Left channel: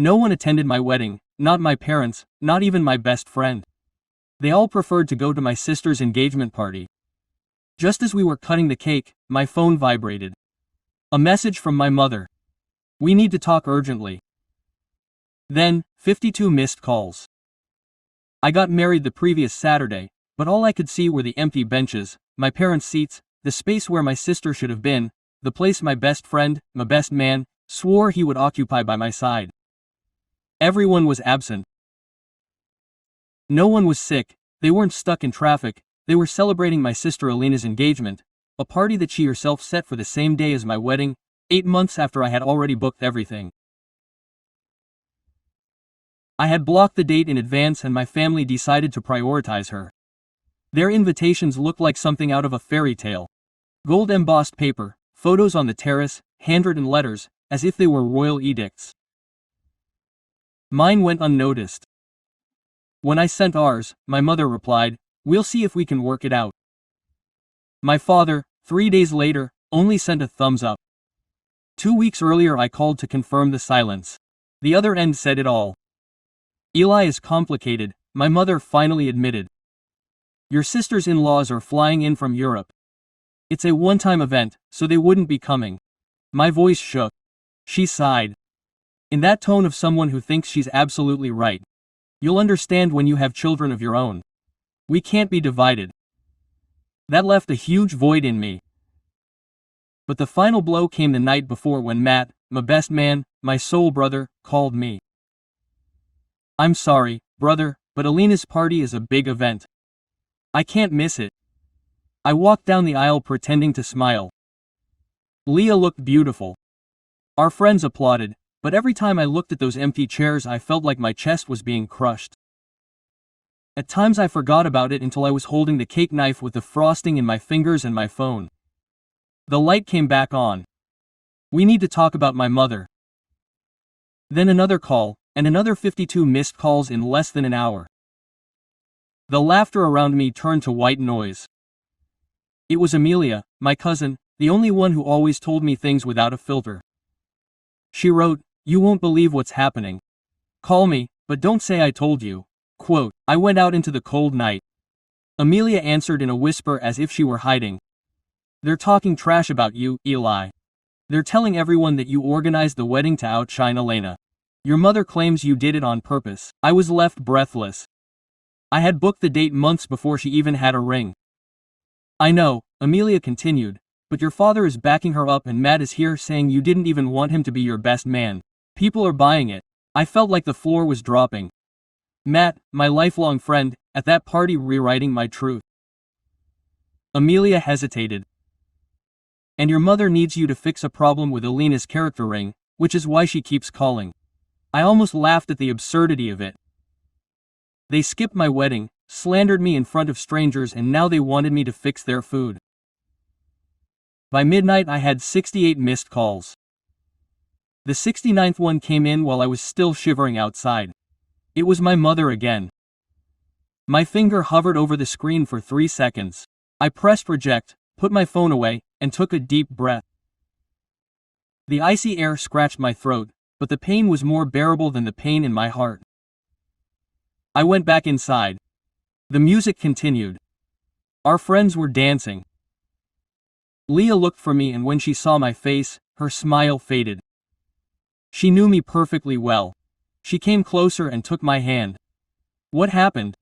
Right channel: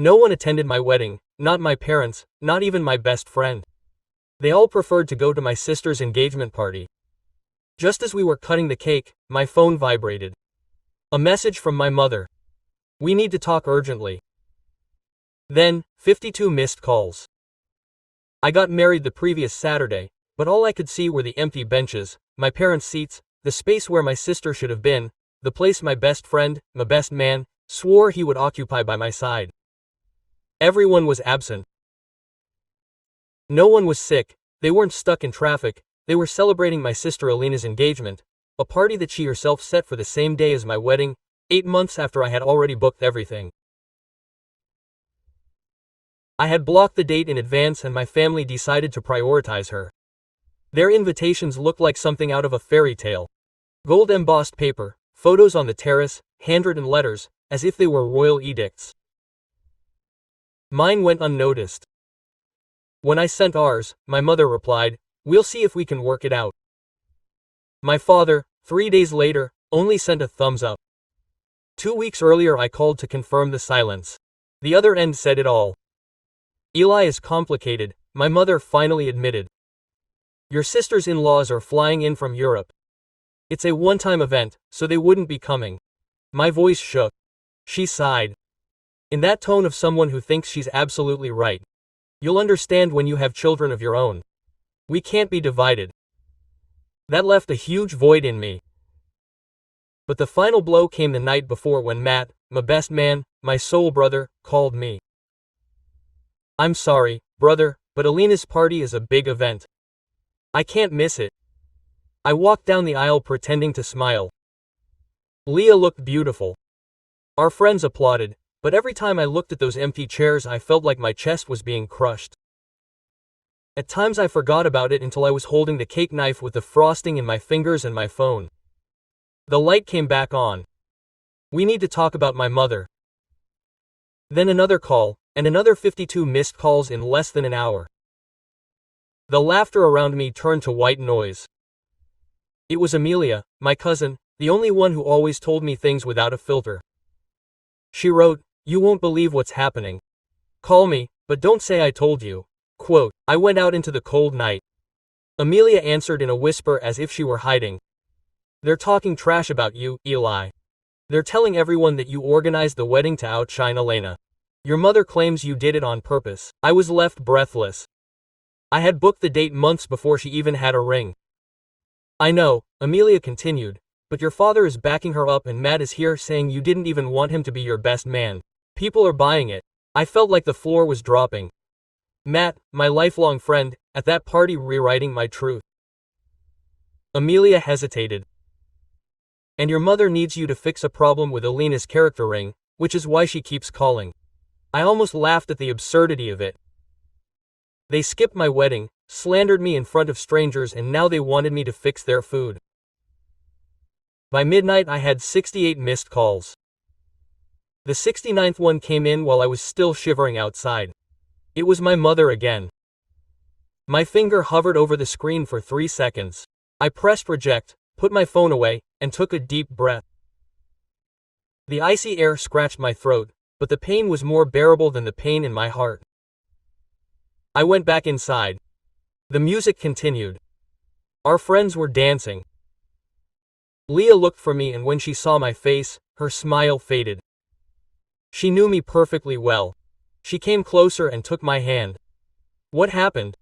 No one attended my wedding, not my parents, not even my best friend. They all preferred to go to my sister's engagement party. Just as we were cutting the cake, my phone vibrated. A message from my mother. We need to talk urgently. Then, 52 missed calls. I got married the previous Saturday, but all I could see were the empty benches, my parents' seats, the space where my sister should have been, the place my best friend, my best man, swore he would occupy by my side. Everyone was absent. No one was sick, they weren't stuck in traffic, they were celebrating my sister Alina's engagement, a party that she herself set for the same day as my wedding, 8 months after I had already booked everything. I had blocked the date in advance and my family decided to prioritize her. Their invitations looked like something out of a fairy tale. Gold embossed paper, photos on the terrace, handwritten letters, as if they were royal edicts. Mine went unnoticed. When I sent ours, my mother replied, "We'll see if we can work it out." My father, 3 days later, only sent a thumbs up. 2 weeks earlier I called to confirm the silence. The other end said it all. Eli is complicated, my mother finally admitted. Your sister's in-laws are flying in from Europe. It's a one-time event, so they wouldn't be coming. My voice shook. She sighed. In that tone of someone who thinks she's absolutely right. You'll understand when you have children of your own. We can't be divided. That left a huge void in me. But the final blow came the night before when Matt, my best man, my soul brother, called me. I'm sorry, brother, but Alina's party is a big event. I can't miss it. I walked down the aisle pretending to smile. Leah looked beautiful. Our friends applauded, but every time I looked at those empty chairs I felt like my chest was being crushed. At times I forgot about it until I was holding the cake knife with the frosting in my fingers and my phone. The light came back on. We need to talk about my mother. Then another call, and another 52 missed calls in less than an hour. The laughter around me turned to white noise. It was Amelia, my cousin, the only one who always told me things without a filter. She wrote, "You won't believe what's happening. Call me, but don't say I told you." Quote, I went out into the cold night. Amelia answered in a whisper as if she were hiding. They're talking trash about you, Eli. They're telling everyone that you organized the wedding to outshine Elena. Your mother claims you did it on purpose. I was left breathless. I had booked the date months before she even had a ring. I know, Amelia continued, but your father is backing her up and Matt is here saying you didn't even want him to be your best man. People are buying it. I felt like the floor was dropping. Matt, my lifelong friend, at that party rewriting my truth. Amelia hesitated. And your mother needs you to fix a problem with Alina's character ring, which is why she keeps calling. I almost laughed at the absurdity of it. They skipped my wedding, slandered me in front of strangers, and now they wanted me to fix their food. By midnight I had 68 missed calls. The 69th one came in while I was still shivering outside. It was my mother again. My finger hovered over the screen for 3 seconds. I pressed reject, put my phone away, and took a deep breath. The icy air scratched my throat, but the pain was more bearable than the pain in my heart. I went back inside. The music continued. Our friends were dancing. Leah looked for me, and when she saw my face, her smile faded. She knew me perfectly well. She came closer and took my hand. What happened?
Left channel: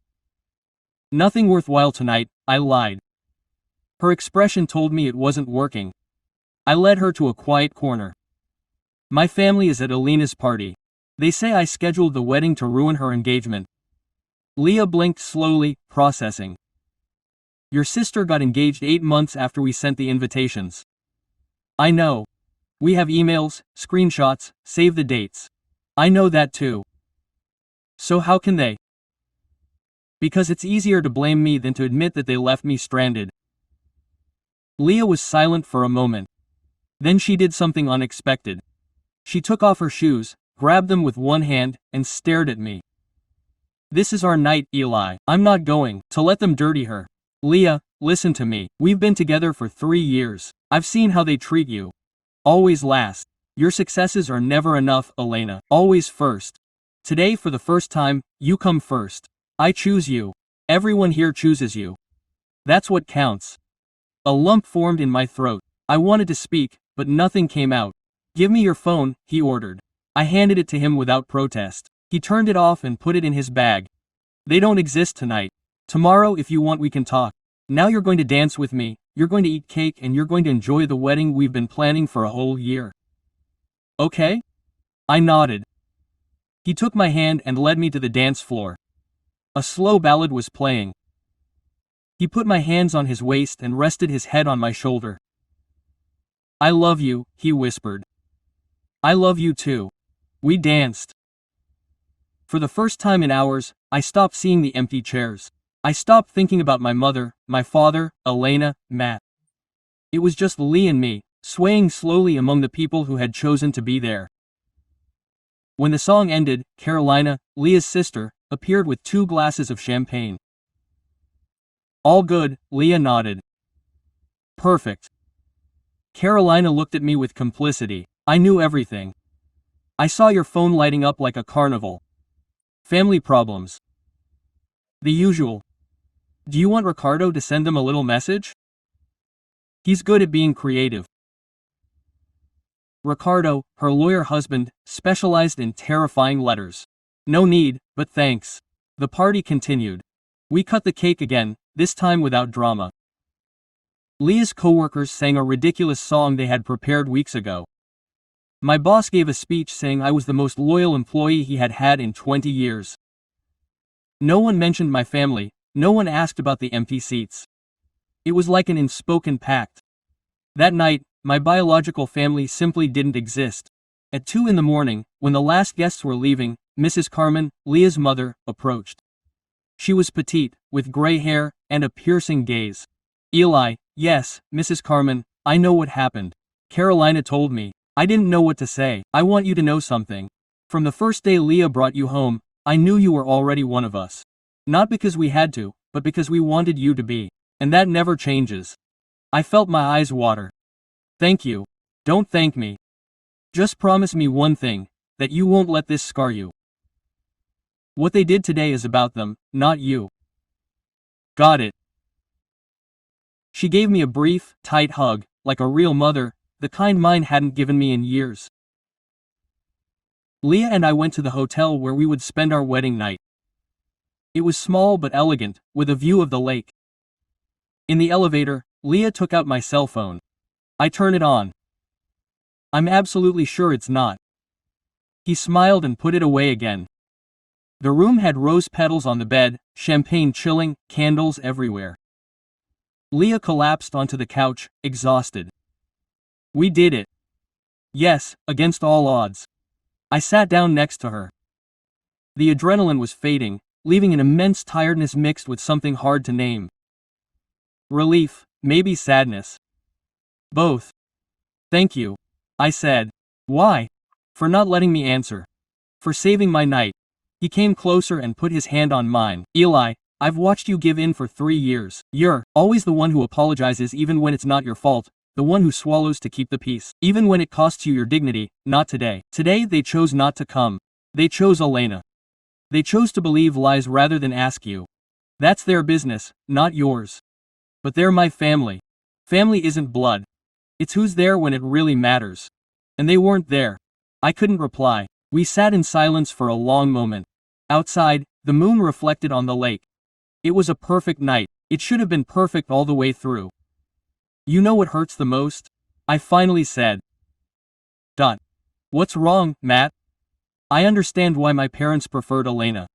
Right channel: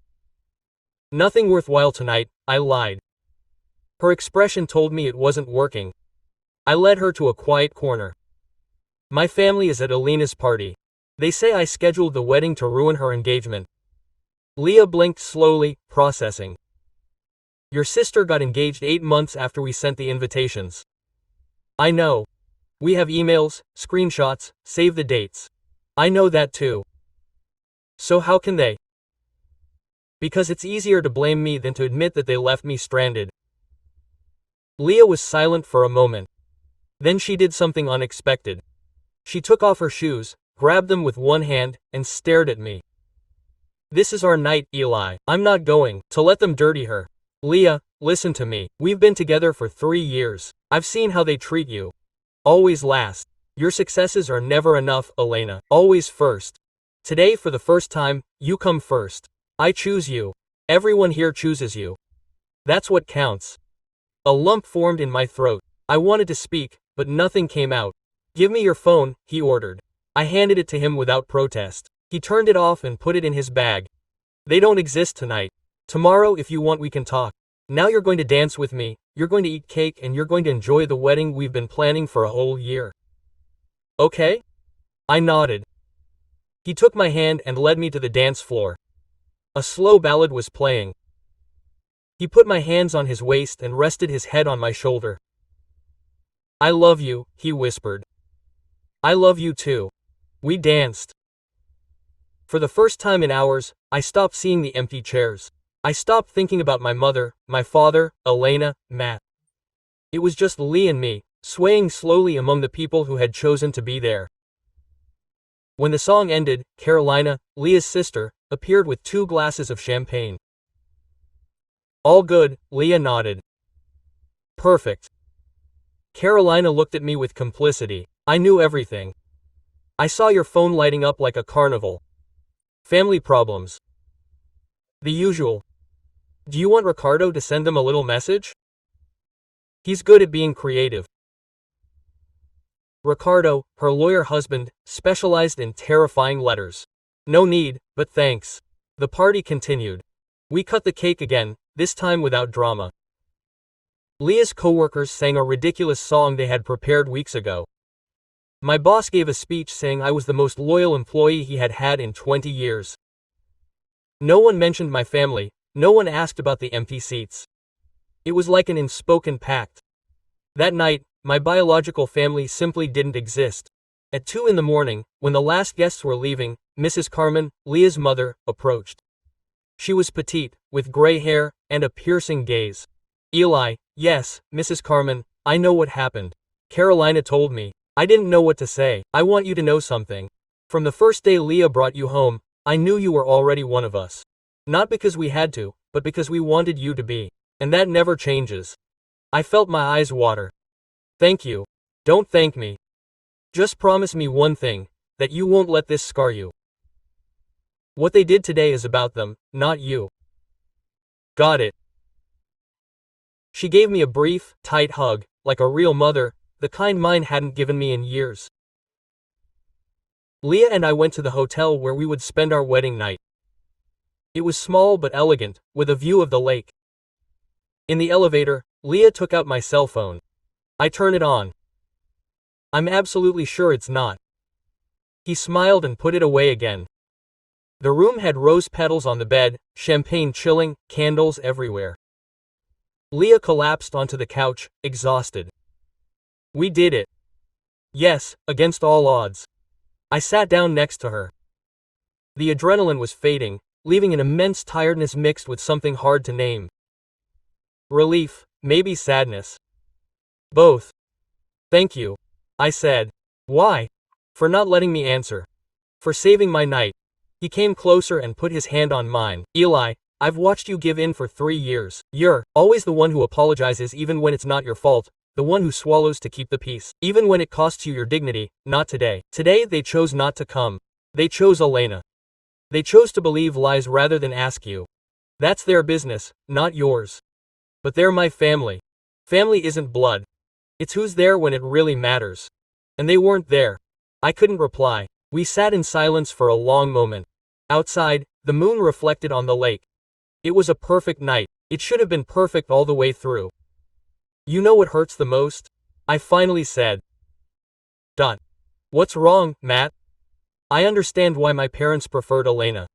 Nothing worthwhile tonight, I lied. Her expression told me it wasn't working. I led her to a quiet corner. My family is at Alina's party. They say I scheduled the wedding to ruin her engagement. Leah blinked slowly, processing. Your sister got engaged 8 months after we sent the invitations. I know. We have emails, screenshots, save the dates. I know that too. So how can they? Because it's easier to blame me than to admit that they left me stranded. Leah was silent for a moment. Then she did something unexpected. She took off her shoes, grabbed them with one hand, and stared at me. This is our night, Eli. I'm not going to let them dirty her. Leah, listen to me. We've been together for 3 years. I've seen how they treat you. Always last. Your successes are never enough, Elena. Always first. Today, for the first time, you come first. I choose you. Everyone here chooses you. That's what counts. A lump formed in my throat. I wanted to speak, but nothing came out. Give me your phone, he ordered. I handed it to him without protest. He turned it off and put it in his bag. They don't exist tonight. Tomorrow, if you want, we can talk. Now you're going to dance with me, you're going to eat cake, and you're going to enjoy the wedding we've been planning for a whole year. Okay? I nodded. He took my hand and led me to the dance floor. A slow ballad was playing. He put my hands on his waist and rested his head on my shoulder. I love you, he whispered. I love you too. We danced. For the first time in hours, I stopped seeing the empty chairs. I stopped thinking about my mother, my father, Elena, Matt. It was just Lee and me, swaying slowly among the people who had chosen to be there. When the song ended, Carolina, Leah's sister, appeared with 2 glasses of champagne. All good, Leah nodded. Perfect. Carolina looked at me with complicity. I knew everything. I saw your phone lighting up like a carnival. Family problems. The usual. Do you want Ricardo to send them a little message? He's good at being creative. Ricardo, her lawyer husband, specialized in terrifying letters. No need, but thanks. The party continued. We cut the cake again, this time without drama. Leah's coworkers sang a ridiculous song they had prepared weeks ago. My boss gave a speech saying I was the most loyal employee he had had in 20 years. No one mentioned my family, no one asked about the empty seats. It was like an unspoken pact. That night, my biological family simply didn't exist. At 2 in the morning, when the last guests were leaving, Mrs. Carmen, Leah's mother, approached. She was petite, with gray hair, and a piercing gaze. Eli, yes, Mrs. Carmen, I know what happened. Carolina told me. I didn't know what to say. I want you to know something. From the first day Leah brought you home, I knew you were already one of us. Not because we had to, but because we wanted you to be. And that never changes. I felt my eyes water. Thank you. Don't thank me. Just promise me one thing, that you won't let this scar you. What they did today is about them, not you. Got it. She gave me a brief, tight hug, like a real mother, the kind mine hadn't given me in years. Leah and I went to the hotel where we would spend our wedding night. It was small but elegant, with a view of the lake. In the elevator, Leah took out my cell phone. I turn it on. I'm absolutely sure it's not. He smiled and put it away again. The room had rose petals on the bed, champagne chilling, candles everywhere. Leah collapsed onto the couch, exhausted. We did it. Yes, against all odds. I sat down next to her. The adrenaline was fading, leaving an immense tiredness mixed with something hard to name. Relief, maybe sadness. Both. Thank you, I said. Why? For not letting me answer. For saving my night. He came closer and put his hand on mine. Eli, I've watched you give in for 3 years. You're always the one who apologizes even when it's not your fault, the one who swallows to keep the peace. Even when it costs you your dignity, not today. Today they chose not to come. They chose Elena. They chose to believe lies rather than ask you. That's their business, not yours. But they're my family. Family isn't blood. It's who's there when it really matters. And they weren't there. I couldn't reply. We sat in silence for a long moment. Outside, the moon reflected on the lake. It was a perfect night. It should have been perfect all the way through. You know what hurts the most? I finally said. What's wrong, Matt? I understand why my parents preferred Elena.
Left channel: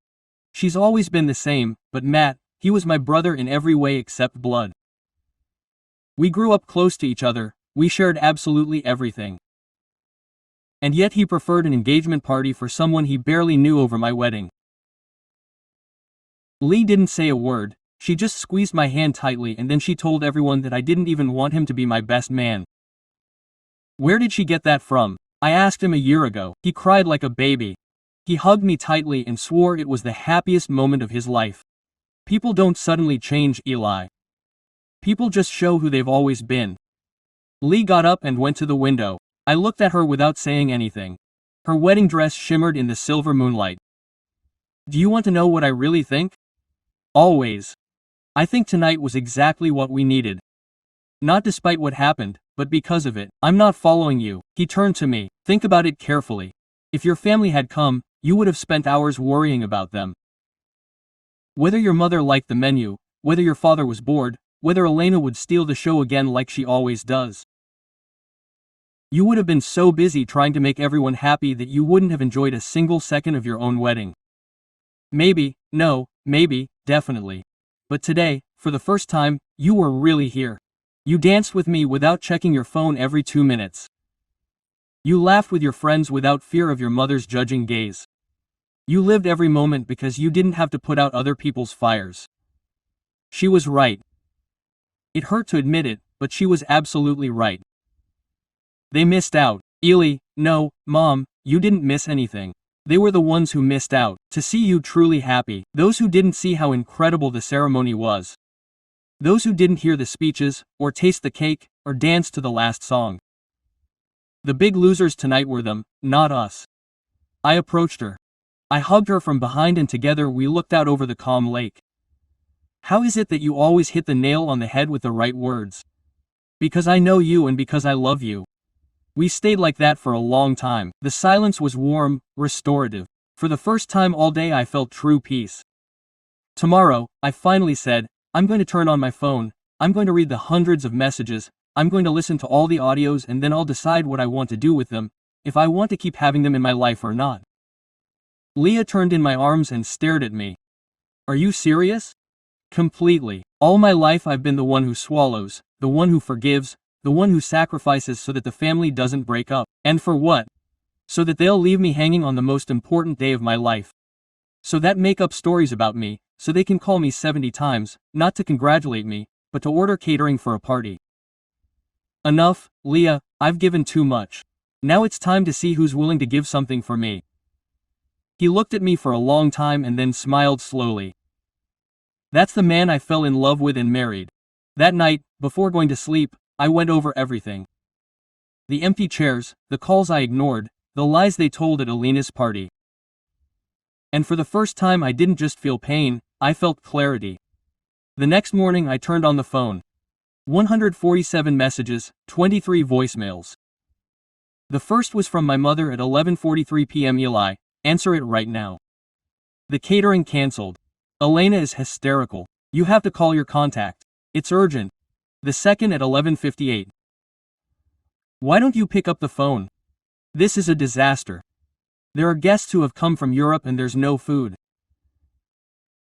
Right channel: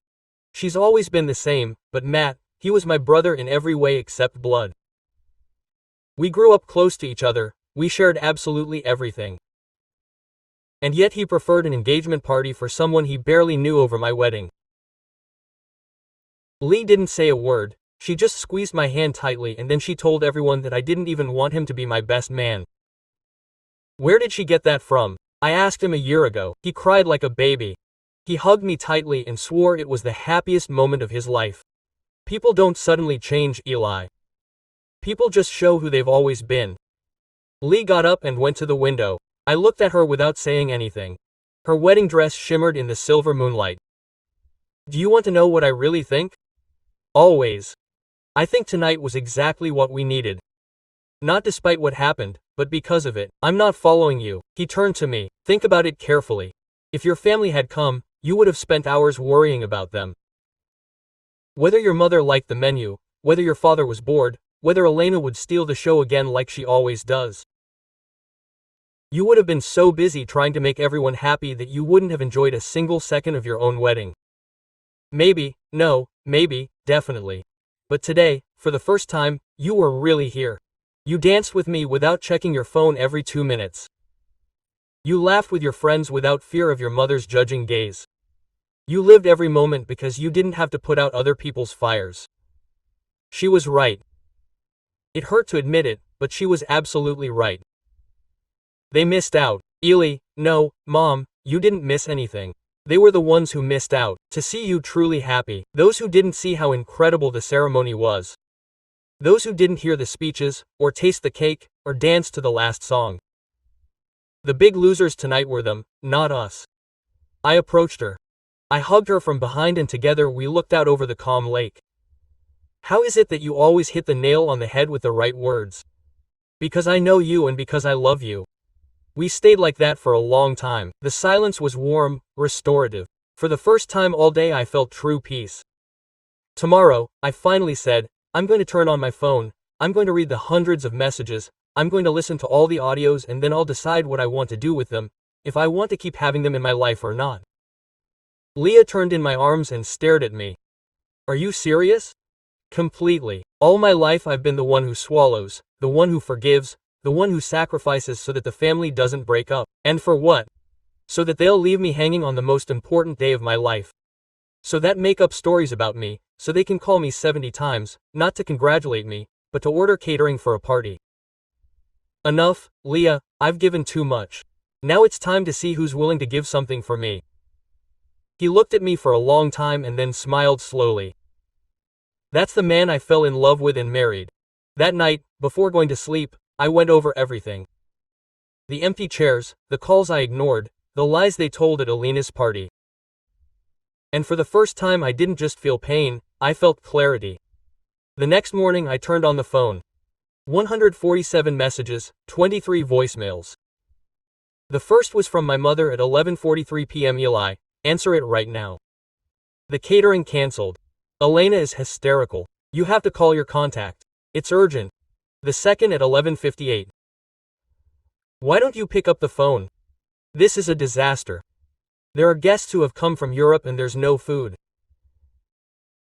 She's always been the same, but Matt, he was my brother in every way except blood. We grew up close to each other, we shared absolutely everything. And yet he preferred an engagement party for someone he barely knew over my wedding. Lee didn't say a word, she just squeezed my hand tightly and then she told everyone that I didn't even want him to be my best man. Where did she get that from? I asked him a year ago. He cried like a baby. He hugged me tightly and swore it was the happiest moment of his life. People don't suddenly change, Eli. People just show who they've always been. Lee got up and went to the window. I looked at her without saying anything. Her wedding dress shimmered in the silver moonlight. Do you want to know what I really think? Always. I think tonight was exactly what we needed. Not despite what happened, but because of it. I'm not following you. He turned to me. Think about it carefully. If your family had come, you would have spent hours worrying about them. Whether your mother liked the menu, whether your father was bored, whether Elena would steal the show again like she always does. You would have been so busy trying to make everyone happy that you wouldn't have enjoyed a single second of your own wedding. Maybe, no, maybe, definitely. But today, for the first time, you were really here. You danced with me without checking your phone every 2 minutes. You laughed with your friends without fear of your mother's judging gaze. You lived every moment because you didn't have to put out other people's fires. She was right. It hurt to admit it, but she was absolutely right. They missed out. Eli, no, Mom, you didn't miss anything. They were the ones who missed out, to see you truly happy, those who didn't see how incredible the ceremony was. Those who didn't hear the speeches, or taste the cake, or dance to the last song. The big losers tonight were them, not us. I approached her. I hugged her from behind and together we looked out over the calm lake. How is it that you always hit the nail on the head with the right words? Because I know you and because I love you. We stayed like that for a long time. The silence was warm, restorative. For the first time all day I felt true peace. Tomorrow, I finally said, I'm going to turn on my phone, I'm going to read the hundreds of messages, I'm going to listen to all the audios and then I'll decide what I want to do with them, if I want to keep having them in my life or not. Leah turned in my arms and stared at me. Are you serious? Completely. All my life I've been the one who swallows, the one who forgives, the one who sacrifices so that the family doesn't break up. And for what? So that they'll leave me hanging on the most important day of my life. So that make up stories about me, so they can call me 70 times, not to congratulate me, but to order catering for a party. Enough, Leah, I've given too much. Now it's time to see who's willing to give something for me. He looked at me for a long time and then smiled slowly. That's the man I fell in love with and married. That night, before going to sleep, I went over everything. The empty chairs, the calls I ignored, the lies they told at Alina's party. And for the first time I didn't just feel pain, I felt clarity. The next morning I turned on the phone. 147 messages, 23 voicemails. The first was from my mother at 11:43 p.m. Eli, answer it right now. The catering cancelled. Elena is hysterical. You have to call your contact. It's urgent. The second at 11:58. Why don't you pick up the phone? This is a disaster. There are guests who have come from Europe and there's no food.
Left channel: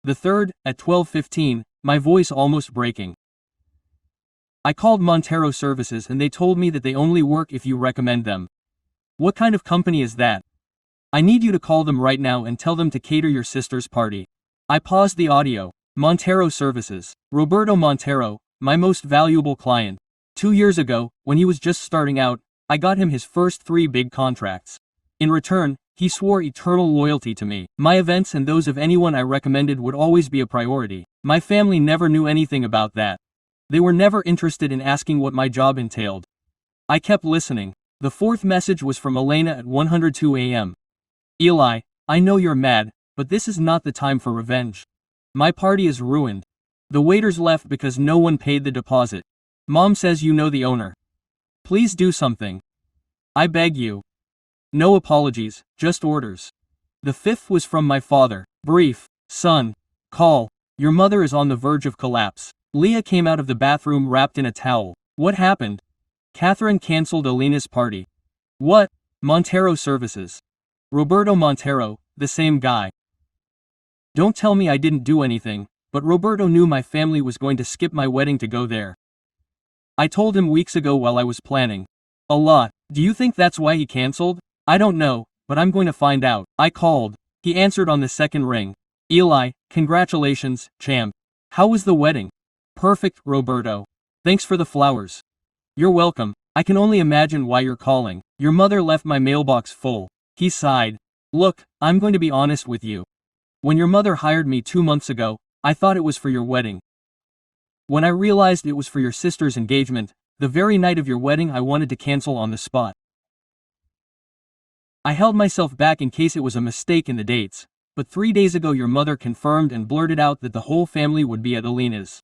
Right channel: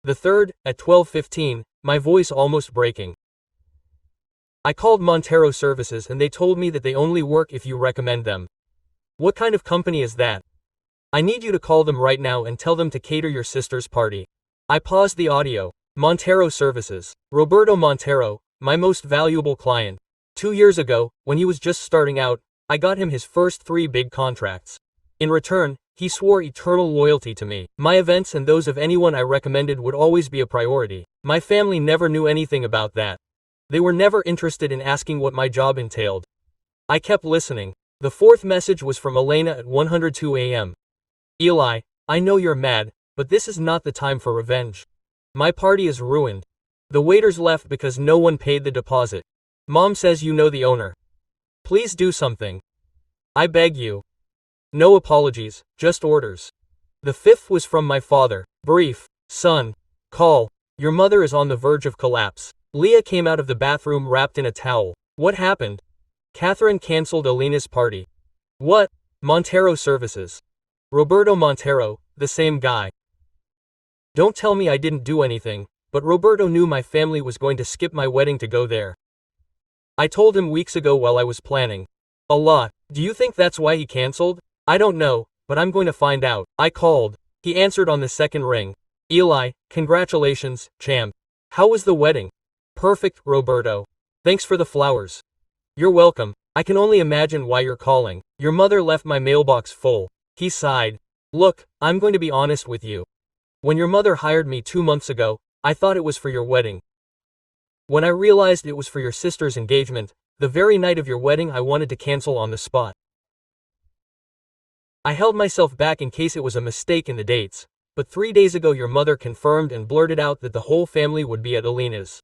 The third, at 12:15, my voice almost breaking. I called Montero Services and they told me that they only work if you recommend them. What kind of company is that? I need you to call them right now and tell them to cater your sister's party. I paused the audio. Montero Services. Roberto Montero, my most valuable client. 2 years ago, when he was just starting out, I got him his first 3 big contracts. In return, he swore eternal loyalty to me. My events and those of anyone I recommended would always be a priority. My family never knew anything about that. They were never interested in asking what my job entailed. I kept listening. The fourth message was from Elena at 102 a.m. Eli, I know you're mad, but this is not the time for revenge. My party is ruined. The waiters left because no one paid the deposit. Mom says you know the owner. Please do something. I beg you. No apologies, just orders. The fifth was from my father. Brief. Son. Call. Your mother is on the verge of collapse. Leah came out of the bathroom wrapped in a towel. What happened? Catherine canceled Alina's party. What? Montero Services. Roberto Montero, the same guy. Don't tell me I didn't do anything, but Roberto knew my family was going to skip my wedding to go there. I told him weeks ago while I was planning. A lot. Do you think that's why he canceled? I don't know, but I'm going to find out. I called. He answered on the second ring. Eli, congratulations, champ. How was the wedding? Perfect, Roberto. Thanks for the flowers. You're welcome. I can only imagine why you're calling. Your mother left my mailbox full. He sighed. Look, I'm going to be honest with you. When your mother hired me 2 months ago, I thought it was for your wedding. When I realized it was for your sister's engagement, the very night of your wedding I wanted to cancel on the spot. I held myself back in case it was a mistake in the dates, but 3 days ago your mother confirmed and blurted out that the whole family would be at Alina's.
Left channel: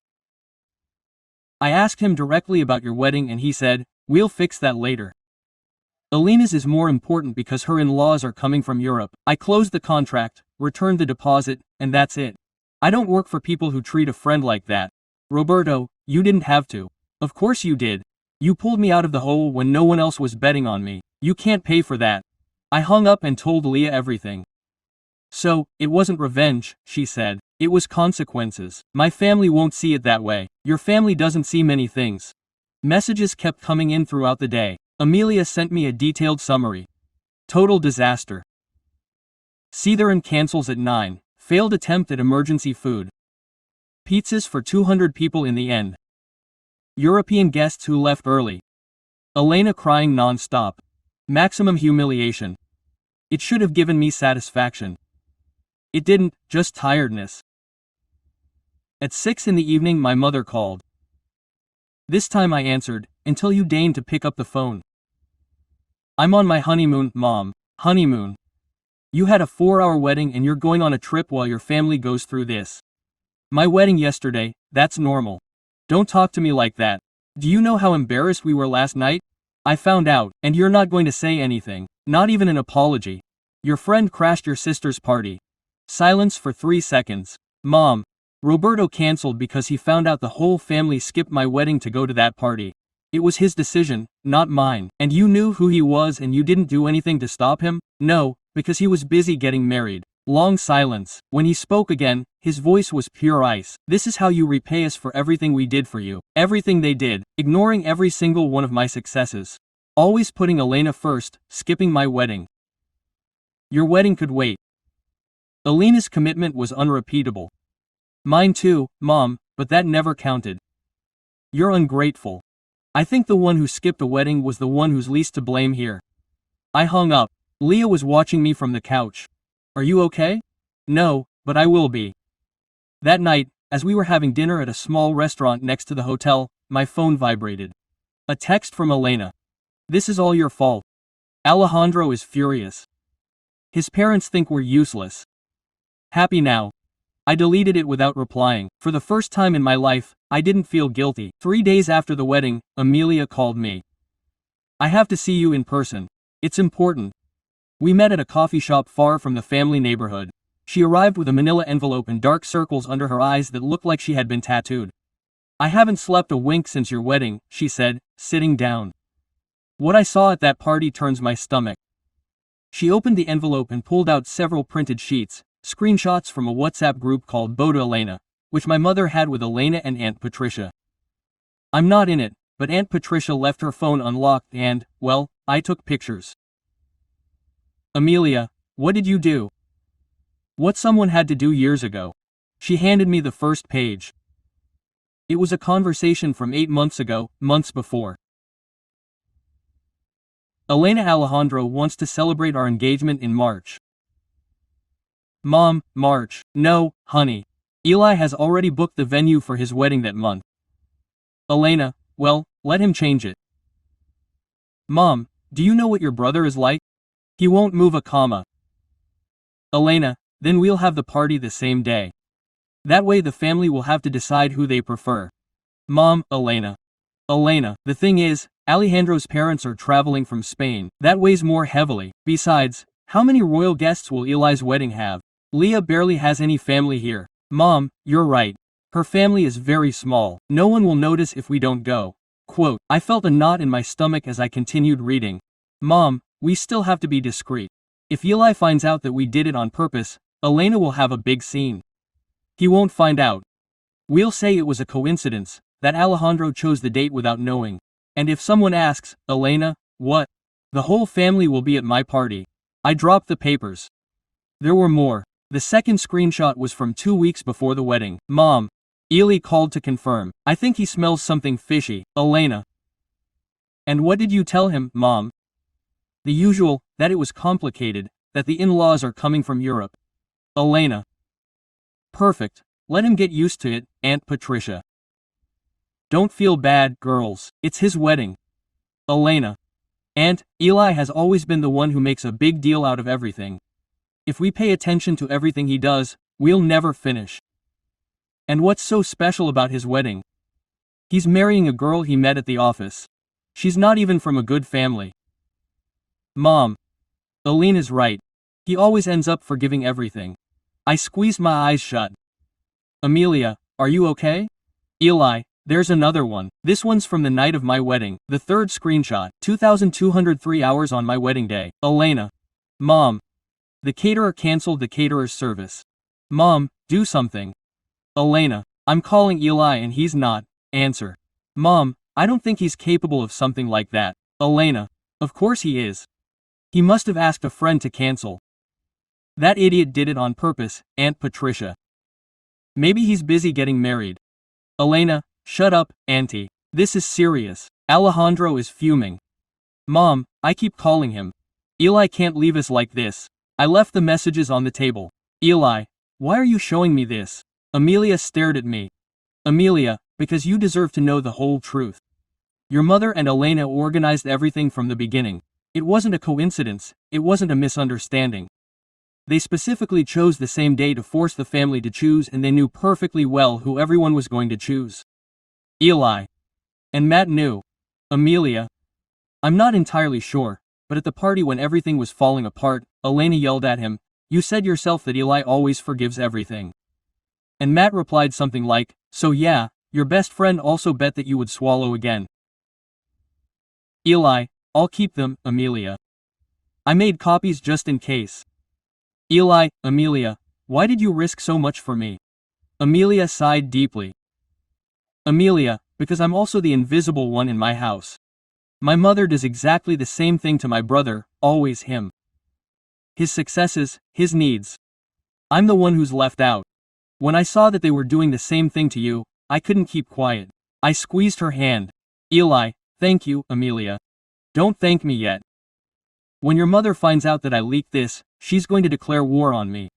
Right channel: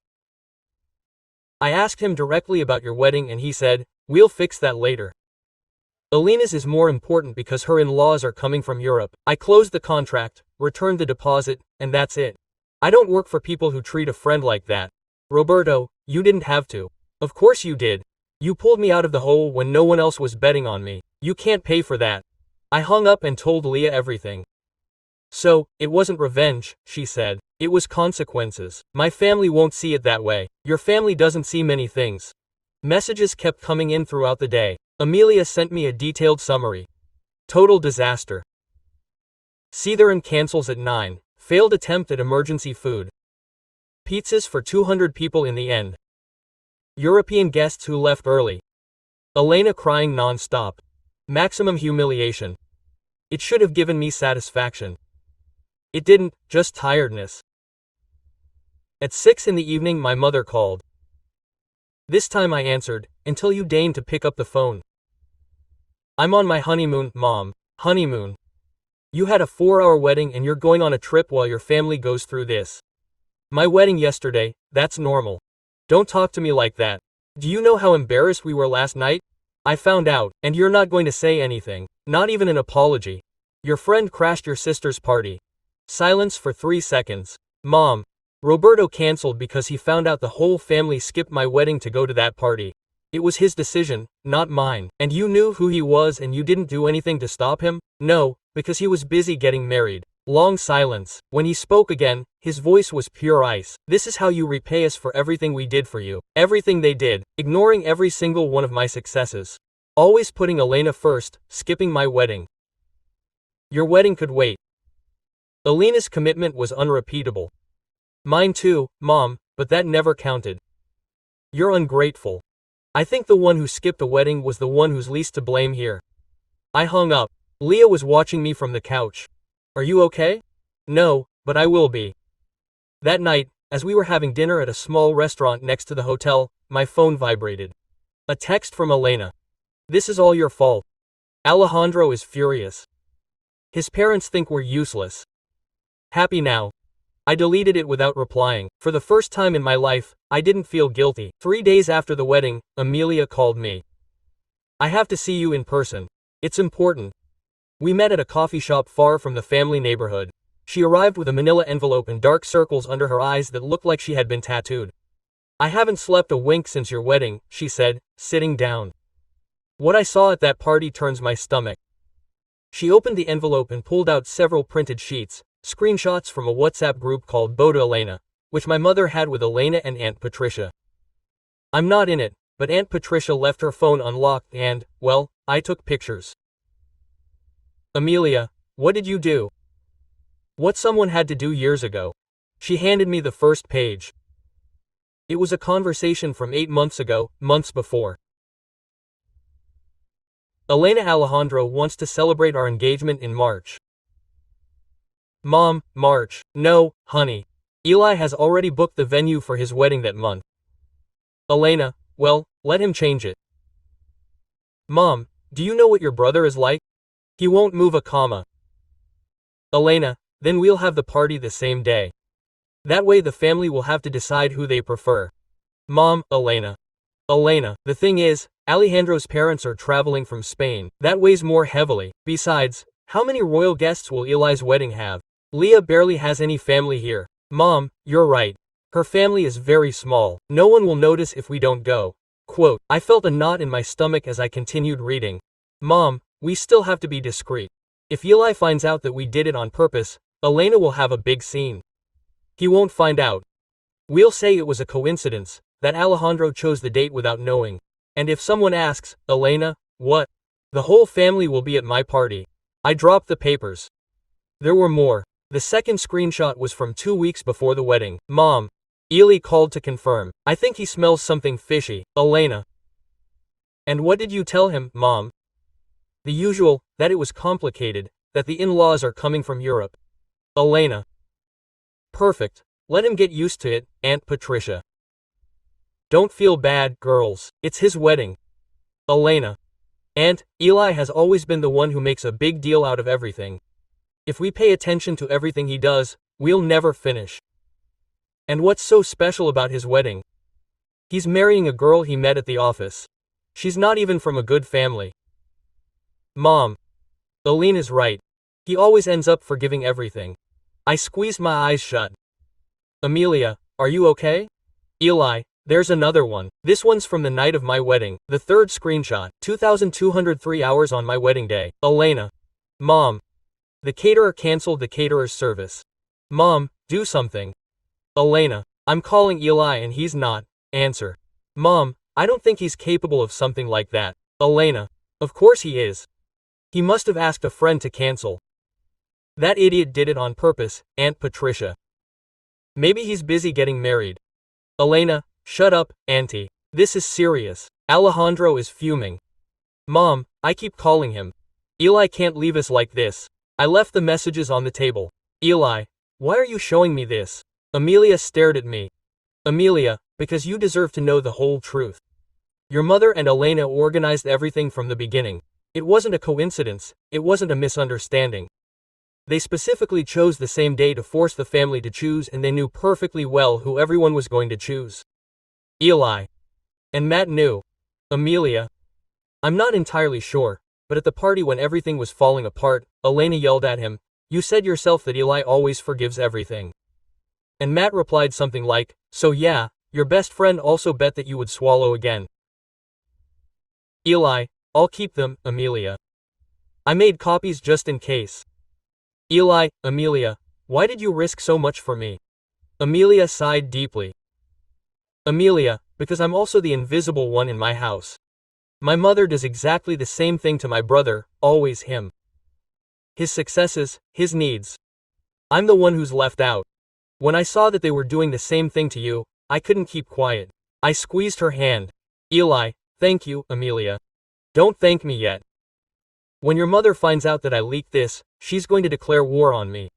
I asked him directly about your wedding and he said, "We'll fix that later. Alina's is more important because her in-laws are coming from Europe." I closed the contract, returned the deposit, and that's it. I don't work for people who treat a friend like that. Roberto, you didn't have to. Of course you did. You pulled me out of the hole when no one else was betting on me. You can't pay for that. I hung up and told Leah everything. So, it wasn't revenge, she said. It was consequences. My family won't see it that way. Your family doesn't see many things. Messages kept coming in throughout the day. Amelia sent me a detailed summary. Total disaster. Cetheron cancels at 9. Failed attempt at emergency food. Pizzas for 200 people in the end. European guests who left early. Elena crying non-stop. Maximum humiliation. It should have given me satisfaction. It didn't, just tiredness. At 6 in the evening my mother called. This time I answered, until you deigned to pick up the phone. I'm on my honeymoon, Mom. Honeymoon. You had a 4-hour wedding and you're going on a trip while your family goes through this. My wedding yesterday, that's normal. Don't talk to me like that. Do you know how embarrassed we were last night? I found out, and you're not going to say anything, not even an apology. Your friend crashed your sister's party. Silence for 3 seconds. Mom. Roberto canceled because he found out the whole family skipped my wedding to go to that party. It was his decision, not mine. And you knew who he was and you didn't do anything to stop him? No, because he was busy getting married. Long silence. When he spoke again, his voice was pure ice. This is how you repay us for everything we did for you. Everything they did, ignoring every single one of my successes. Always putting Elena first, skipping my wedding. Your wedding could wait. Elena's commitment was unrepeatable. Mine too, Mom, but that never counted. You're ungrateful. I think the one who skipped a wedding was the one who's least to blame here. I hung up. Leah was watching me from the couch. Are you okay? No, but I will be. That night, as we were having dinner at a small restaurant next to the hotel, my phone vibrated. A text from Elena. This is all your fault. Alejandro is furious. His parents think we're useless. Happy now. I deleted it without replying. For the first time in my life, I didn't feel guilty. 3 days after the wedding, Amelia called me. I have to see you in person. It's important. We met at a coffee shop far from the family neighborhood. She arrived with a manila envelope and dark circles under her eyes that looked like she had been tattooed. I haven't slept a wink since your wedding, she said, sitting down. What I saw at that party turns my stomach. She opened the envelope and pulled out several printed sheets, screenshots from a WhatsApp group called Boda Elena, which my mother had with Elena and Aunt Patricia. I'm not in it, but Aunt Patricia left her phone unlocked and, well, I took pictures. Amelia, what did you do? What someone had to do years ago. She handed me the first page. It was a conversation from 8 months ago, months before. Elena Alejandro wants to celebrate our engagement in March. Mom, March. No, honey. Eli has already booked the venue for his wedding that month. Elena, well, let him change it. Mom, do you know what your brother is like? He won't move a comma. Elena, then we'll have the party the same day. That way the family will have to decide who they prefer. Mom, Elena. Elena, the thing is, Alejandro's parents are traveling from Spain. That weighs more heavily. Besides, how many royal guests will Eli's wedding have? Leah barely has any family here. Mom, you're right. Her family is very small. No one will notice if we don't go. Quote, I felt a knot in my stomach as I continued reading. Mom, we still have to be discreet. If Eli finds out that we did it on purpose, Elena will have a big scene. He won't find out. We'll say it was a coincidence, that Alejandro chose the date without knowing. And if someone asks, Elena, what? The whole family will be at my party. I dropped the papers. There were more. The second screenshot was from 2 weeks before the wedding. Mom. Eli called to confirm. I think he smells something fishy. Elena. And what did you tell him, Mom? The usual, that it was complicated, that the in-laws are coming from Europe. Elena. Perfect. Let him get used to it, Aunt Patricia. Don't feel bad, girls. It's his wedding. Elena. Aunt, Eli has always been the one who makes a big deal out of everything. If we pay attention to everything he does, we'll never finish. And what's so special about his wedding? He's marrying a girl he met at the office. She's not even from a good family. Mom. Aline is right. He always ends up forgiving everything. I squeezed my eyes shut. Amelia, are you okay? Eli, there's another one. This one's from the night of my wedding. The third screenshot. 2,203 hours on my wedding day. Elena. Mom. The caterer canceled the caterer's service. Mom, do something. Elena. I'm calling Eli and he's not. Answer. Mom, I don't think he's capable of something like that. Elena. Of course he is. He must have asked a friend to cancel. That idiot did it on purpose, Aunt Patricia. Maybe he's busy getting married. Elena, shut up, Auntie. This is serious. Alejandro is fuming. Mom, I keep calling him. Eli can't leave us like this. I left the messages on the table. Eli, why are you showing me this? Amelia stared at me. Amelia, because you deserve to know the whole truth. Your mother and Elena organized everything from the beginning. It wasn't a coincidence, it wasn't a misunderstanding. They specifically chose the same day to force the family to choose, and they knew perfectly well who everyone was going to choose. Eli. And Matt knew. Amelia. I'm not entirely sure, but at the party when everything was falling apart, Elena yelled at him, "You said yourself that Eli always forgives everything." And Matt replied something like, "So yeah, your best friend also bet that you would swallow again." Eli, I'll keep them, Amelia. I made copies just in case. Eli, Amelia, why did you risk so much for me? Amelia sighed deeply. Amelia, because I'm also the invisible one in my house. My mother does exactly the same thing to my brother, always him. His successes, his needs. I'm the one who's left out. When I saw that they were doing the same thing to you, I couldn't keep quiet. I squeezed her hand. Eli, thank you, Amelia. Don't thank me yet. When your mother finds out that I leaked this, she's going to declare war on me.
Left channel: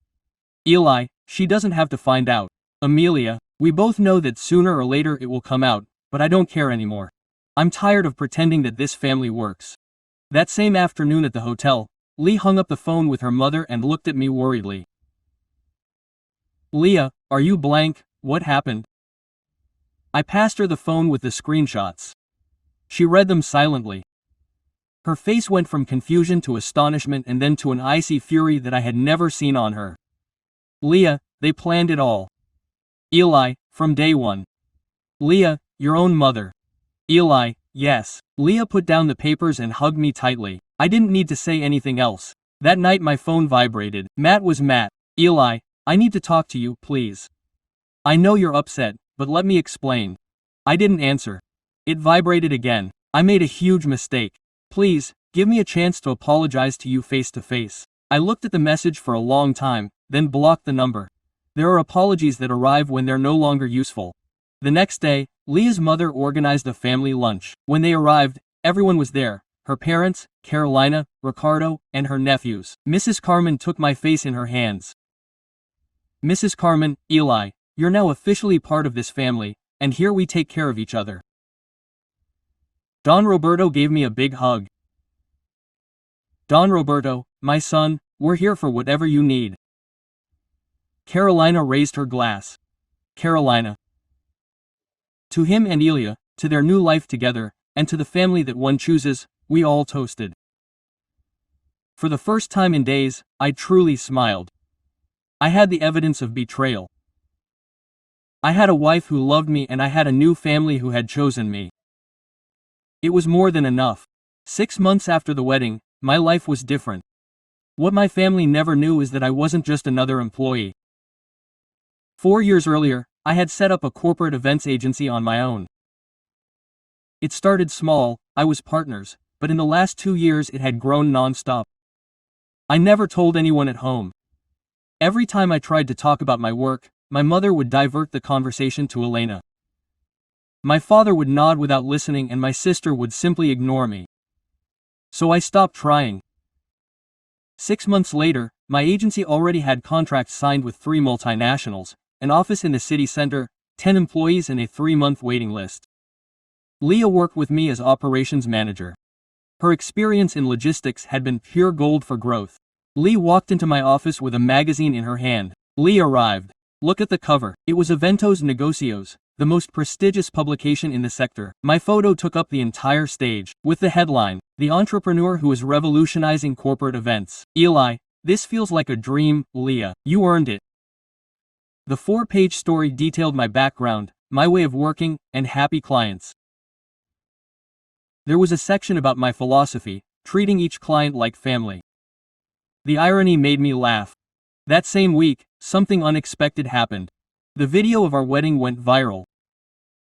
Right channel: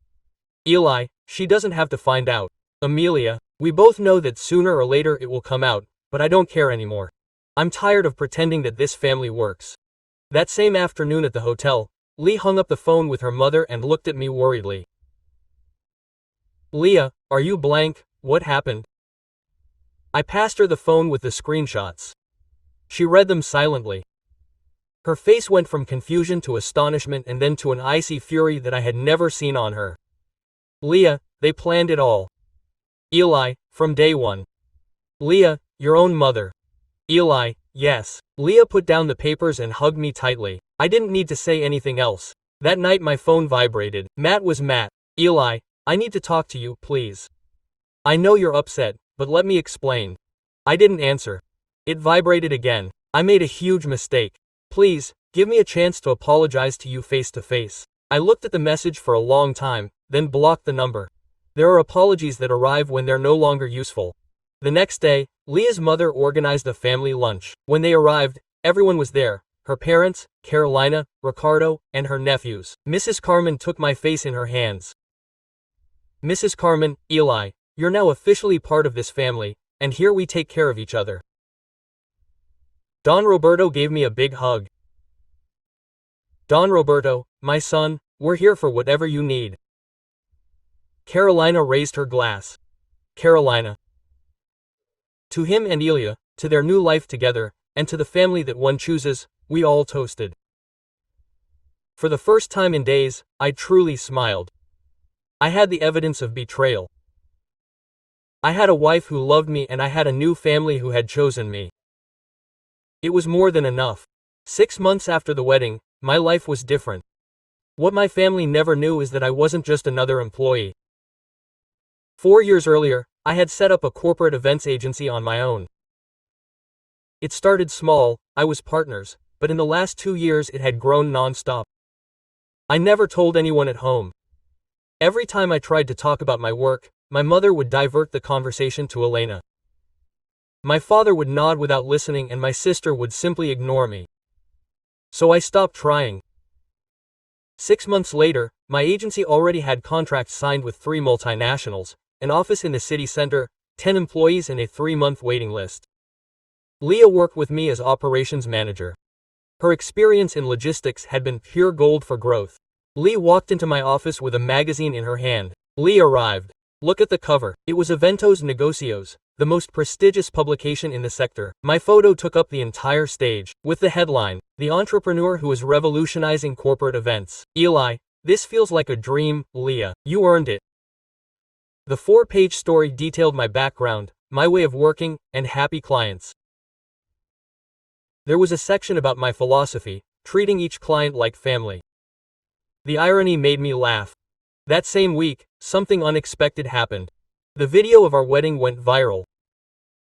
Eli, she doesn't have to find out. Amelia, we both know that sooner or later it will come out, but I don't care anymore. I'm tired of pretending that this family works. That same afternoon at the hotel, Lee hung up the phone with her mother and looked at me worriedly. Leah, are you blank? What happened? I passed her the phone with the screenshots. She read them silently. Her face went from confusion to astonishment and then to an icy fury that I had never seen on her. Leah, they planned it all. Eli, from day one. Leah, your own mother. Eli, yes. Leah put down the papers and hugged me tightly. I didn't need to say anything else. That night my phone vibrated. Matt was Matt. Eli, I need to talk to you, please. I know you're upset, but let me explain. I didn't answer. It vibrated again. I made a huge mistake. Please, give me a chance to apologize to you face to face. I looked at the message for a long time, then blocked the number. There are apologies that arrive when they're no longer useful. The next day, Leah's mother organized a family lunch. When they arrived, everyone was there. Her parents, Carolina, Ricardo, and her nephews. Mrs. Carmen took my face in her hands. Mrs. Carmen, Eli, you're now officially part of this family, and here we take care of each other. Don Roberto gave me a big hug. Don Roberto, my son, we're here for whatever you need. Carolina raised her glass. Carolina. To him and Elia, to their new life together, and to the family that one chooses, we all toasted. For the first time in days, I truly smiled. I had the evidence of betrayal. I had a wife who loved me and I had a new family who had chosen me. It was more than enough. 6 months after the wedding, my life was different. What my family never knew is that I wasn't just another employee. 4 years earlier, I had set up a corporate events agency on my own. It started small, I was partners, but in the last 2 years it had grown non-stop. I never told anyone at home. Every time I tried to talk about my work, my mother would divert the conversation to Elena. My father would nod without listening and my sister would simply ignore me. So I stopped trying. 6 months later, my agency already had contracts signed with 3 multinationals, an office in the city center, 10 employees and a 3-month waiting list. Leah worked with me as operations manager. Her experience in logistics had been pure gold for growth. Lee walked into my office with a magazine in her hand. Lee arrived. Look at the cover. It was Eventos Negocios, the most prestigious publication in the sector. My photo took up the entire stage, with the headline, "The Entrepreneur Who is Revolutionizing Corporate Events." Eli, this feels like a dream, Leah. You earned it. The 4-page story detailed my background, my way of working, and happy clients. There was a section about my philosophy, treating each client like family. The irony made me laugh. That same week, something unexpected happened. The video of our wedding went viral.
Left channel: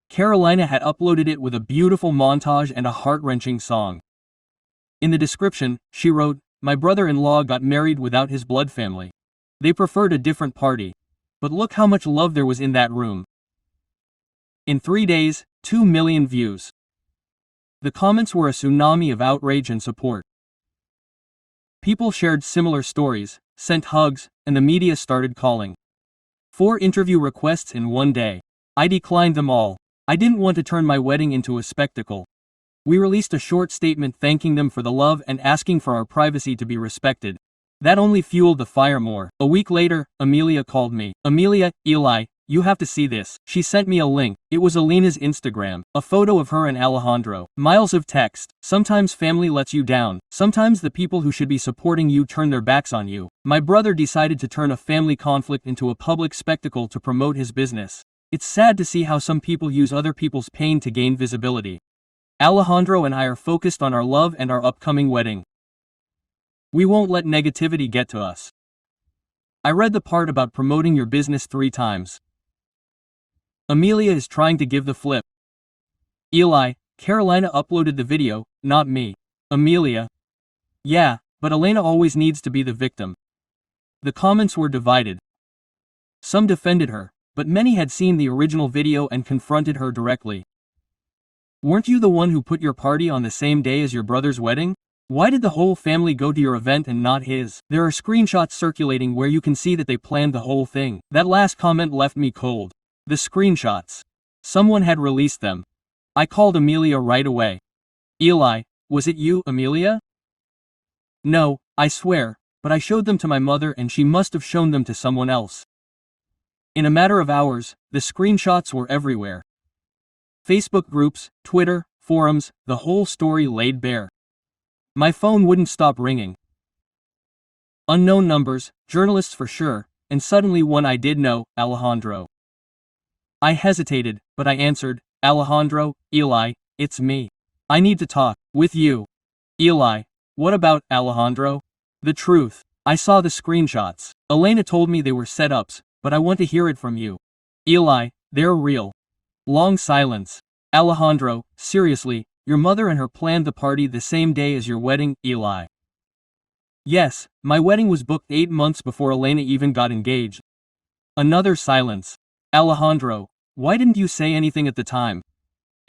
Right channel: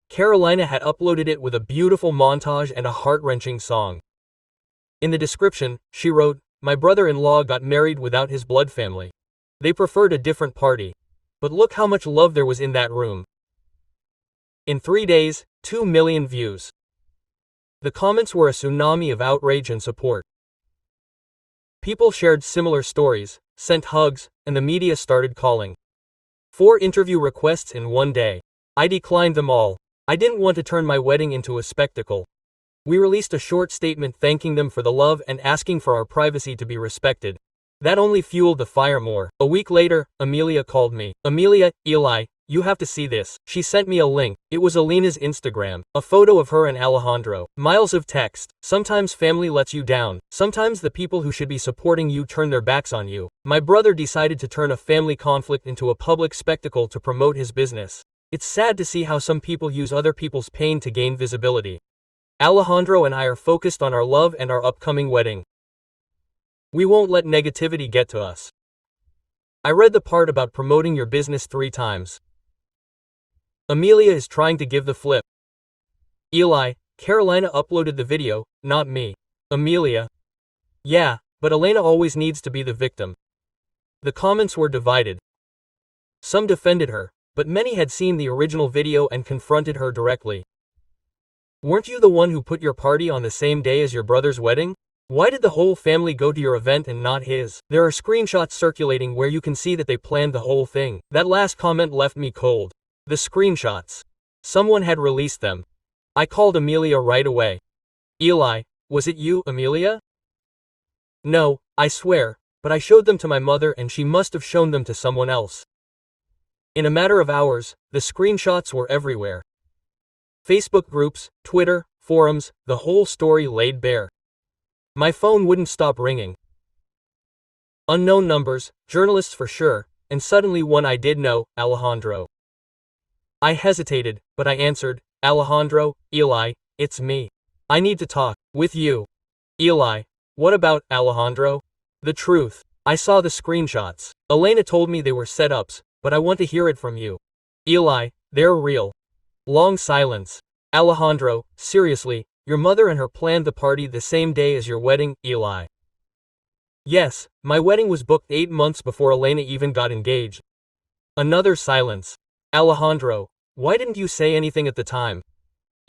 Carolina had uploaded it with a beautiful montage and a heart-wrenching song. In the description, she wrote, "My brother-in-law got married without his blood family. They preferred a different party. But look how much love there was in that room." In 3 days, 2 million views. The comments were a tsunami of outrage and support. People shared similar stories, sent hugs, and the media started calling. 4 interview requests in one day. I declined them all. I didn't want to turn my wedding into a spectacle. We released a short statement thanking them for the love and asking for our privacy to be respected. That only fueled the fire more. A week later, Amelia called me. "Amelia, Eli, you have to see this." She sent me a link. It was Alina's Instagram, a photo of her and Alejandro. Miles of text. "Sometimes family lets you down. Sometimes the people who should be supporting you turn their backs on you. My brother decided to turn a family conflict into a public spectacle to promote his business. It's sad to see how some people use other people's pain to gain visibility. Alejandro and I are focused on our love and our upcoming wedding. We won't let negativity get to us." I read the part about promoting your business 3 times. Amelia is trying to give the flip. Eli, Carolina uploaded the video, not me. Amelia. Yeah, but Elena always needs to be the victim. The comments were divided. Some defended her, but many had seen the original video and confronted her directly. Weren't you the one who put your party on the same day as your brother's wedding? Why did the whole family go to your event and not his? There are screenshots circulating where you can see that they planned the whole thing. That last comment left me cold. The screenshots. Someone had released them. I called Amelia right away. Eli, was it you, Amelia? No, I swear, but I showed them to my mother and she must have shown them to someone else. In a matter of hours, the screenshots were everywhere. Facebook groups, Twitter, forums, the whole story laid bare. My phone wouldn't stop ringing. Unknown numbers, journalists for sure, and suddenly one I did know, Alejandro. I hesitated, but I answered, "Alejandro, Eli, it's me. I need to talk with you." Eli, what about Alejandro? The truth. I saw the screenshots. Elena told me they were setups, but I want to hear it from you. Eli, they're real. Long silence. Alejandro, seriously, your mother and her planned the party the same day as your wedding, Eli. Yes, my wedding was booked 8 months before Elena even got engaged. Another silence. Alejandro, why didn't you say anything at the time?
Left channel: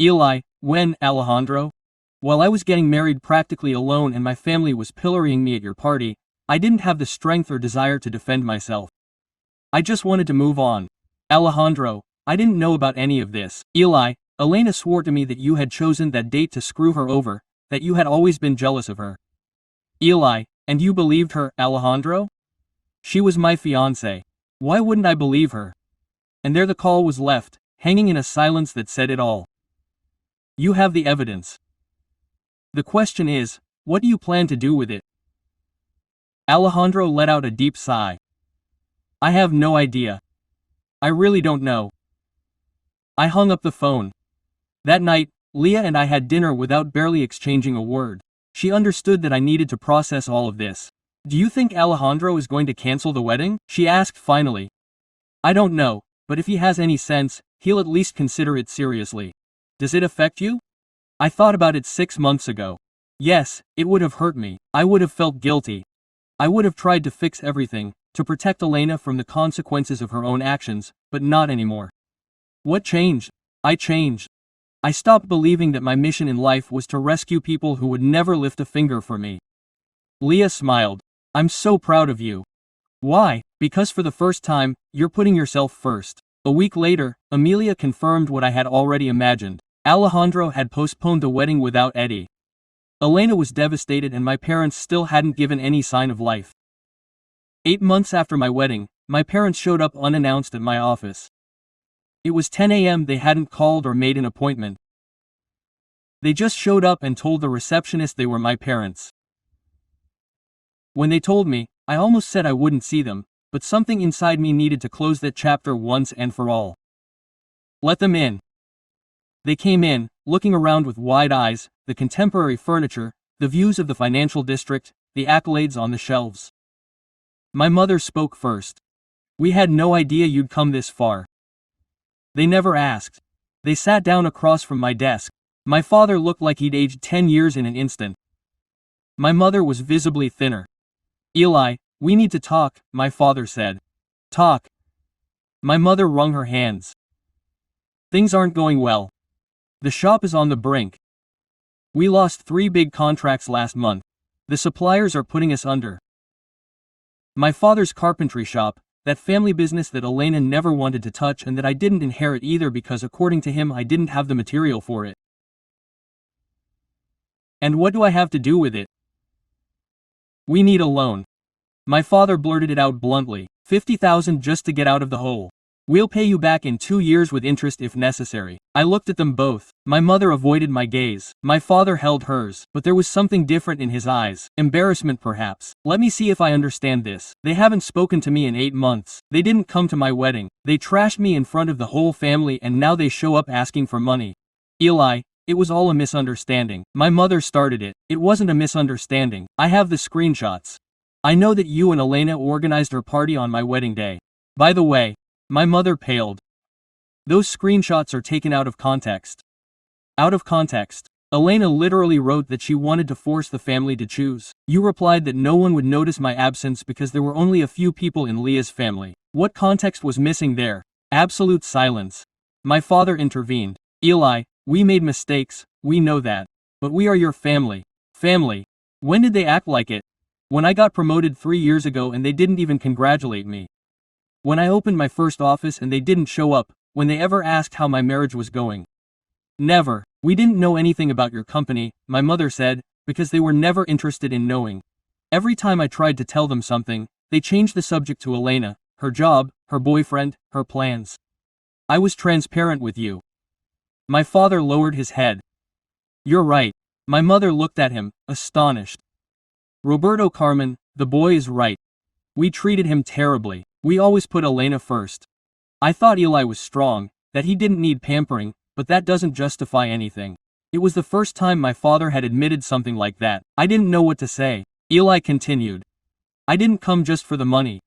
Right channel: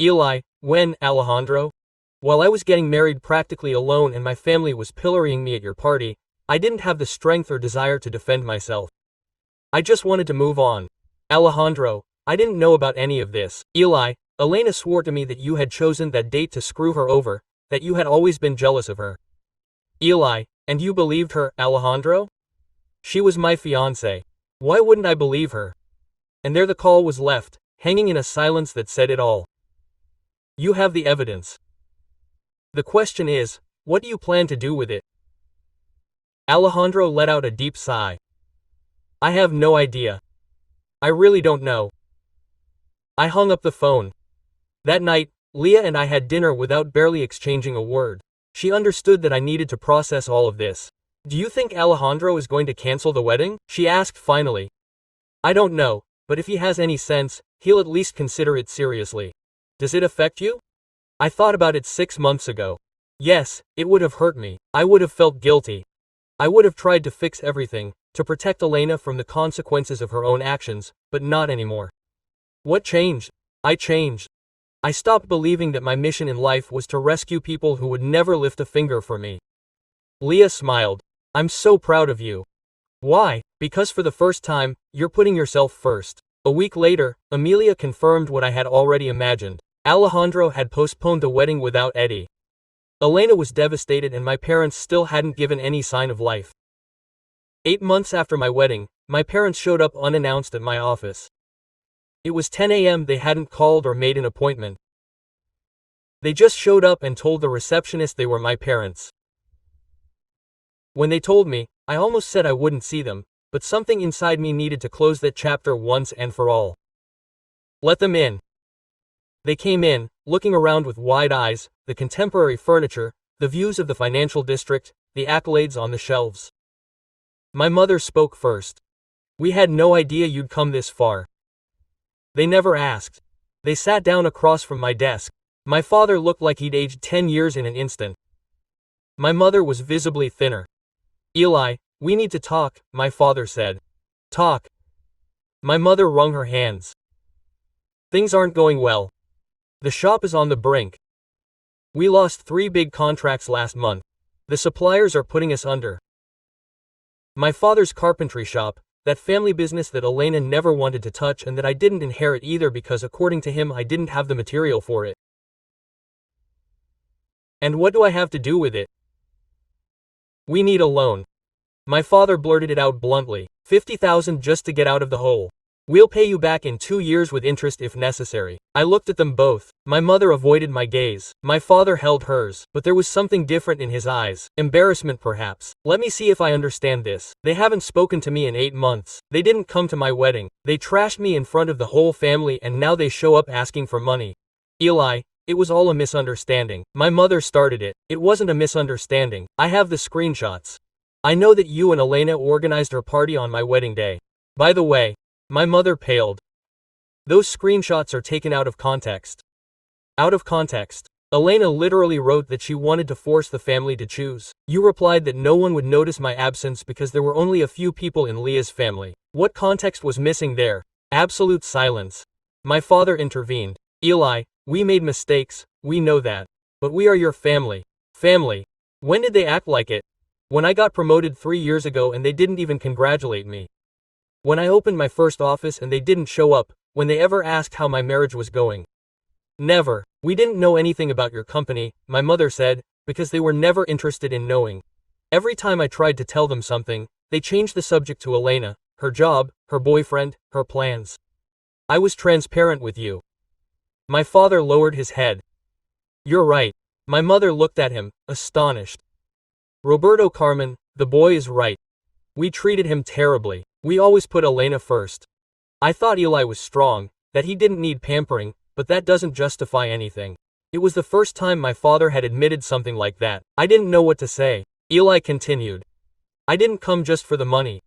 Eli, when, Alejandro? While I was getting married practically alone and my family was pillorying me at your party, I didn't have the strength or desire to defend myself. I just wanted to move on. Alejandro, I didn't know about any of this. Eli, Elena swore to me that you had chosen that date to screw her over, that you had always been jealous of her. Eli, and you believed her, Alejandro? She was my fiancé. Why wouldn't I believe her? And there the call was left, hanging in a silence that said it all. You have the evidence. The question is, what do you plan to do with it? Alejandro let out a deep sigh. I have no idea. I really don't know. I hung up the phone. That night, Leah and I had dinner without barely exchanging a word. She understood that I needed to process all of this. Do you think Alejandro is going to cancel the wedding? She asked finally. I don't know, but if he has any sense, he'll at least consider it seriously. Does it affect you? I thought about it 6 months ago. Yes, it would have hurt me. I would have felt guilty. I would have tried to fix everything, to protect Elena from the consequences of her own actions, but not anymore. What changed? I changed. I stopped believing that my mission in life was to rescue people who would never lift a finger for me. Leah smiled. I'm so proud of you. Why? Because for the first time, you're putting yourself first. A week later, Amelia confirmed what I had already imagined. Alejandro had postponed the wedding without Eddie. Elena was devastated and my parents still hadn't given any sign of life. 8 months after my wedding, my parents showed up unannounced at my office. It was 10 a.m. They hadn't called or made an appointment. They just showed up and told the receptionist they were my parents. When they told me, I almost said I wouldn't see them, but something inside me needed to close that chapter once and for all. Let them in. They came in, looking around with wide eyes, the contemporary furniture, the views of the financial district, the accolades on the shelves. My mother spoke first. We had no idea you'd come this far. They never asked. They sat down across from my desk. My father looked like he'd aged 10 years in an instant. My mother was visibly thinner. Eli, we need to talk, my father said. Talk. My mother wrung her hands. Things aren't going well. The shop is on the brink. We lost 3 big contracts last month. The suppliers are putting us under. My father's carpentry shop, that family business that Elena never wanted to touch and that I didn't inherit either because according to him I didn't have the material for it. And what do I have to do with it? We need a loan. My father blurted it out bluntly, $50,000 just to get out of the hole. We'll pay you back in 2 years with interest if necessary. I looked at them both. My mother avoided my gaze. My father held hers, but there was something different in his eyes. Embarrassment perhaps. Let me see if I understand this. They haven't spoken to me in 8 months. They didn't come to my wedding. They trashed me in front of the whole family and now they show up asking for money. Eli, it was all a misunderstanding. My mother started it. It wasn't a misunderstanding. I have the screenshots. I know that you and Elena organized her party on my wedding day. By the way, my mother paled. Those screenshots are taken out of context. Out of context. Elena literally wrote that she wanted to force the family to choose. You replied that no one would notice my absence because there were only a few people in Leah's family. What context was missing there? Absolute silence. My father intervened. Eli, we made mistakes, we know that. But we are your family. Family. When did they act like it? When I got promoted 3 years ago and they didn't even congratulate me. When I opened my first office and they didn't show up, when they ever asked how my marriage was going. Never. We didn't know anything about your company, my mother said, because they were never interested in knowing. Every time I tried to tell them something, they changed the subject to Elena, her job, her boyfriend, her plans. I was transparent with you. My father lowered his head. You're right. My mother looked at him, astonished. Roberto Carmen, the boy is right. We treated him terribly. We always put Elena first. I thought Eli was strong, that he didn't need pampering, but that doesn't justify anything. It was the first time my father had admitted something like that. I didn't know what to say. Eli continued. I didn't come just for the money.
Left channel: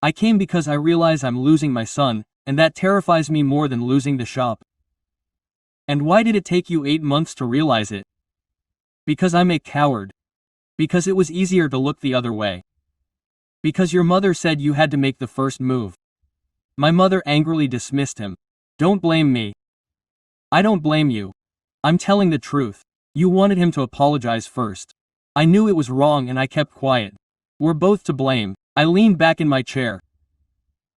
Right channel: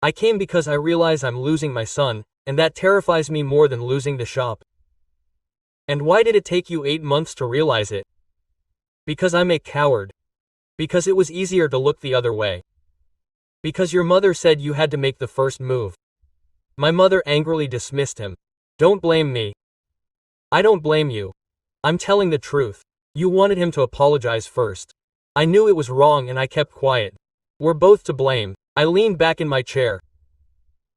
I came because I realize I'm losing my son, and that terrifies me more than losing the shop. And why did it take you 8 months to realize it? Because I'm a coward. Because it was easier to look the other way. Because your mother said you had to make the first move. My mother angrily dismissed him. Don't blame me. I don't blame you. I'm telling the truth. You wanted him to apologize first. I knew it was wrong and I kept quiet. We're both to blame. I leaned back in my chair.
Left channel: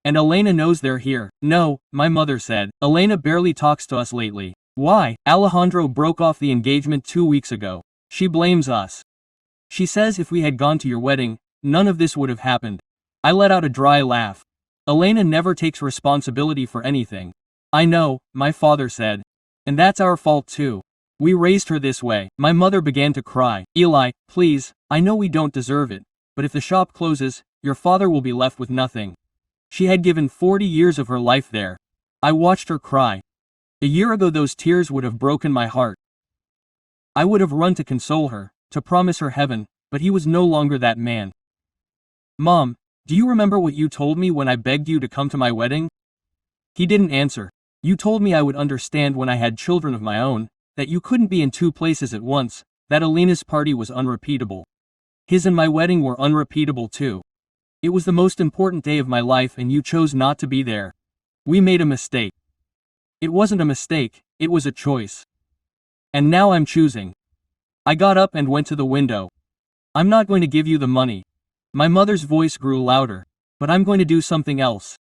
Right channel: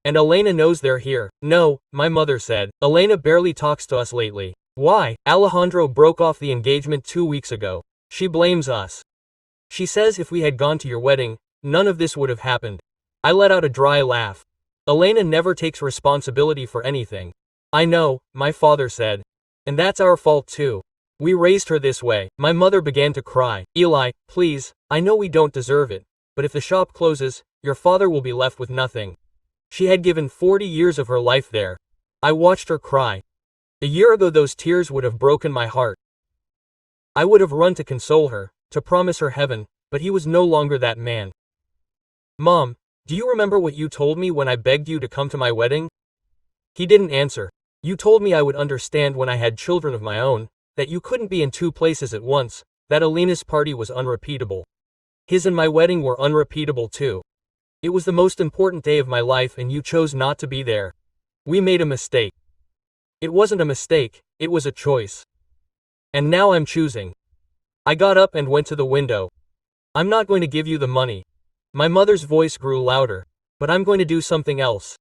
And Elena knows they're here. No, my mother said. Elena barely talks to us lately. Why? Alejandro broke off the engagement 2 weeks ago. She blames us. She says if we had gone to your wedding, none of this would have happened. I let out a dry laugh. Elena never takes responsibility for anything. I know, my father said. And that's our fault too. We raised her this way. My mother began to cry. Eli, please, I know we don't deserve it, but if the shop closes, your father will be left with nothing. She had given 40 years of her life there. I watched her cry. A year ago those tears would have broken my heart. I would have run to console her, to promise her heaven, but he was no longer that man. Mom, do you remember what you told me when I begged you to come to my wedding? He didn't answer. You told me I would understand when I had children of my own, that you couldn't be in 2 places at once, that Elena's party was unrepeatable. His and my wedding were unrepeatable too. It was the most important day of my life and you chose not to be there. We made a mistake. It wasn't a mistake, it was a choice. And now I'm choosing. I got up and went to the window. I'm not going to give you the money. My mother's voice grew louder. But I'm going to do something else.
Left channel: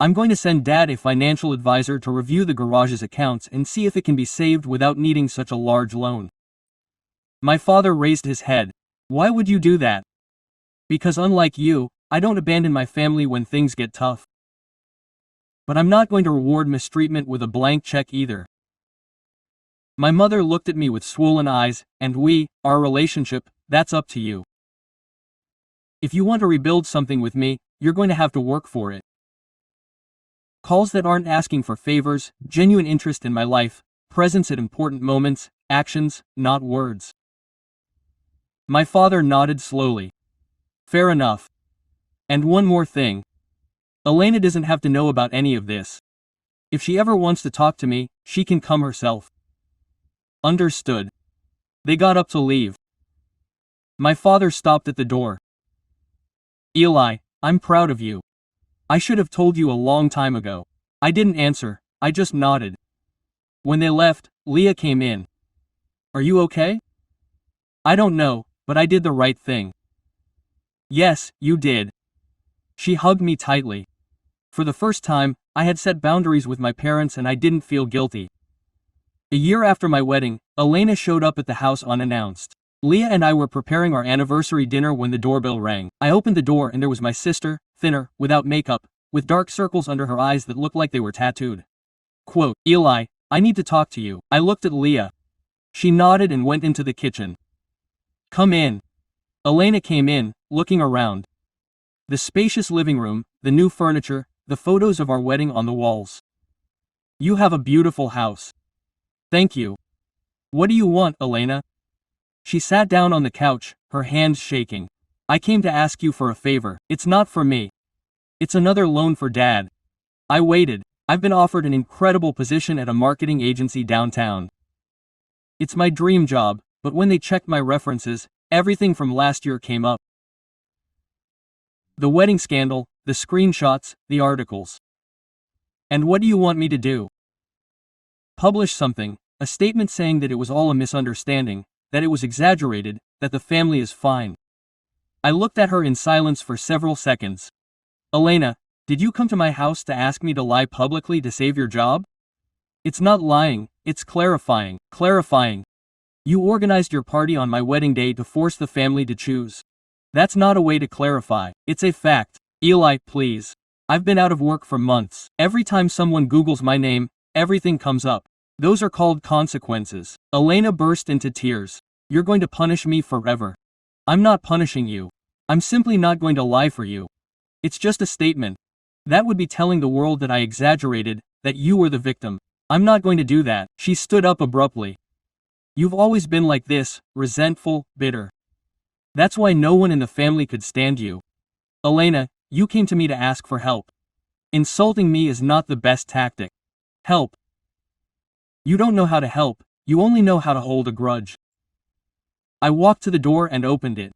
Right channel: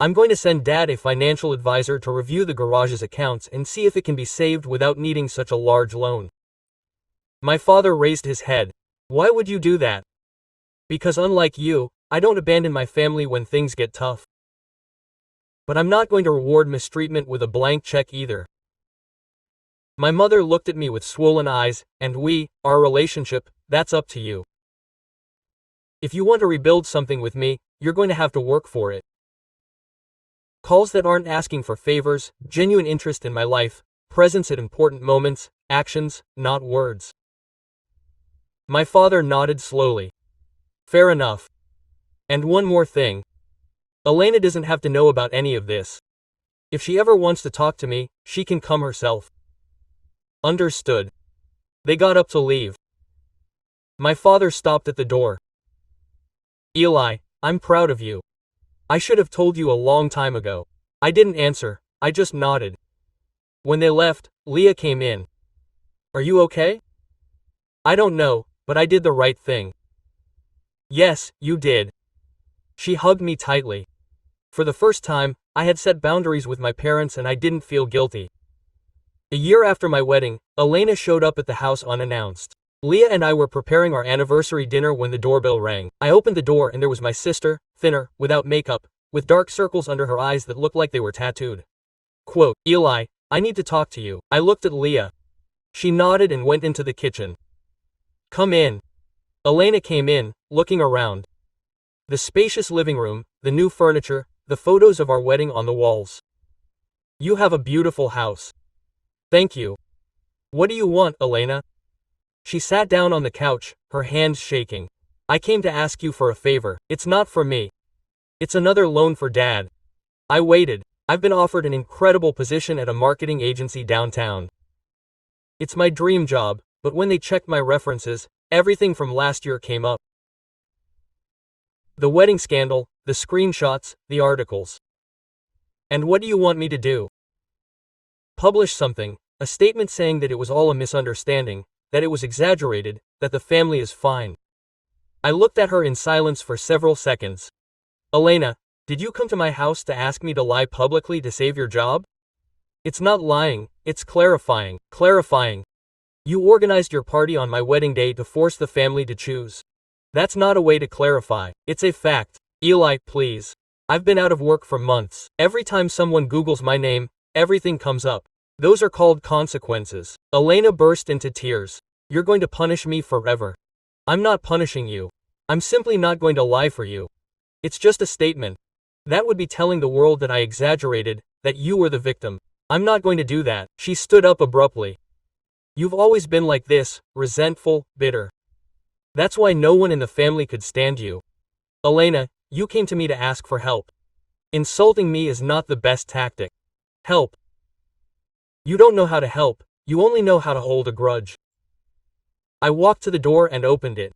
I'm going to send Dad a financial advisor to review the garage's accounts and see if it can be saved without needing such a large loan. My father raised his head. Why would you do that? Because unlike you, I don't abandon my family when things get tough. But I'm not going to reward mistreatment with a blank check either. My mother looked at me with swollen eyes, and our relationship, that's up to you. If you want to rebuild something with me, you're going to have to work for it. Calls that aren't asking for favors, genuine interest in my life, presence at important moments, actions, not words. My father nodded slowly. Fair enough. And one more thing. Elena doesn't have to know about any of this. If she ever wants to talk to me, she can come herself. Understood. They got up to leave. My father stopped at the door. Eli, I'm proud of you. I should have told you a long time ago. I didn't answer, I just nodded. When they left, Leah came in. Are you okay? I don't know, but I did the right thing. Yes, you did. She hugged me tightly. For the first time, I had set boundaries with my parents and I didn't feel guilty. A year after my wedding, Elena showed up at the house unannounced. Leah and I were preparing our anniversary dinner when the doorbell rang. I opened the door and there was my sister, thinner, without makeup, with dark circles under her eyes that looked like they were tattooed. Quote, Eli, I need to talk to you. I looked at Leah. She nodded and went into the kitchen. Come in. Elena came in, looking around. The spacious living room, the new furniture, the photos of our wedding on the walls. You have a beautiful house. Thank you. What do you want, Elena? She sat down on the couch, her hands shaking. I came to ask you for a favor. It's not for me. It's another loan for Dad. I waited. I've been offered an incredible position at a marketing agency downtown. It's my dream job, but when they checked my references, everything from last year came up. The wedding scandal, the screenshots, the articles. And what do you want me to do? Publish something, a statement saying that it was all a misunderstanding, that it was exaggerated, that the family is fine. I looked at her in silence for several seconds. Elena, did you come to my house to ask me to lie publicly to save your job? It's not lying, it's clarifying. You organized your party on my wedding day to force the family to choose. That's not a way to clarify, it's a fact. Eli, please. I've been out of work for months. Every time someone Googles my name, everything comes up. Those are called consequences. Elena burst into tears. You're going to punish me forever. I'm not punishing you. I'm simply not going to lie for you. It's just a statement. That would be telling the world that I exaggerated, that you were the victim. I'm not going to do that. She stood up abruptly. You've always been like this, resentful, bitter. That's why no one in the family could stand you. Elena, you came to me to ask for help. Insulting me is not the best tactic. Help. You don't know how to help, you only know how to hold a grudge. I walked to the door and opened it.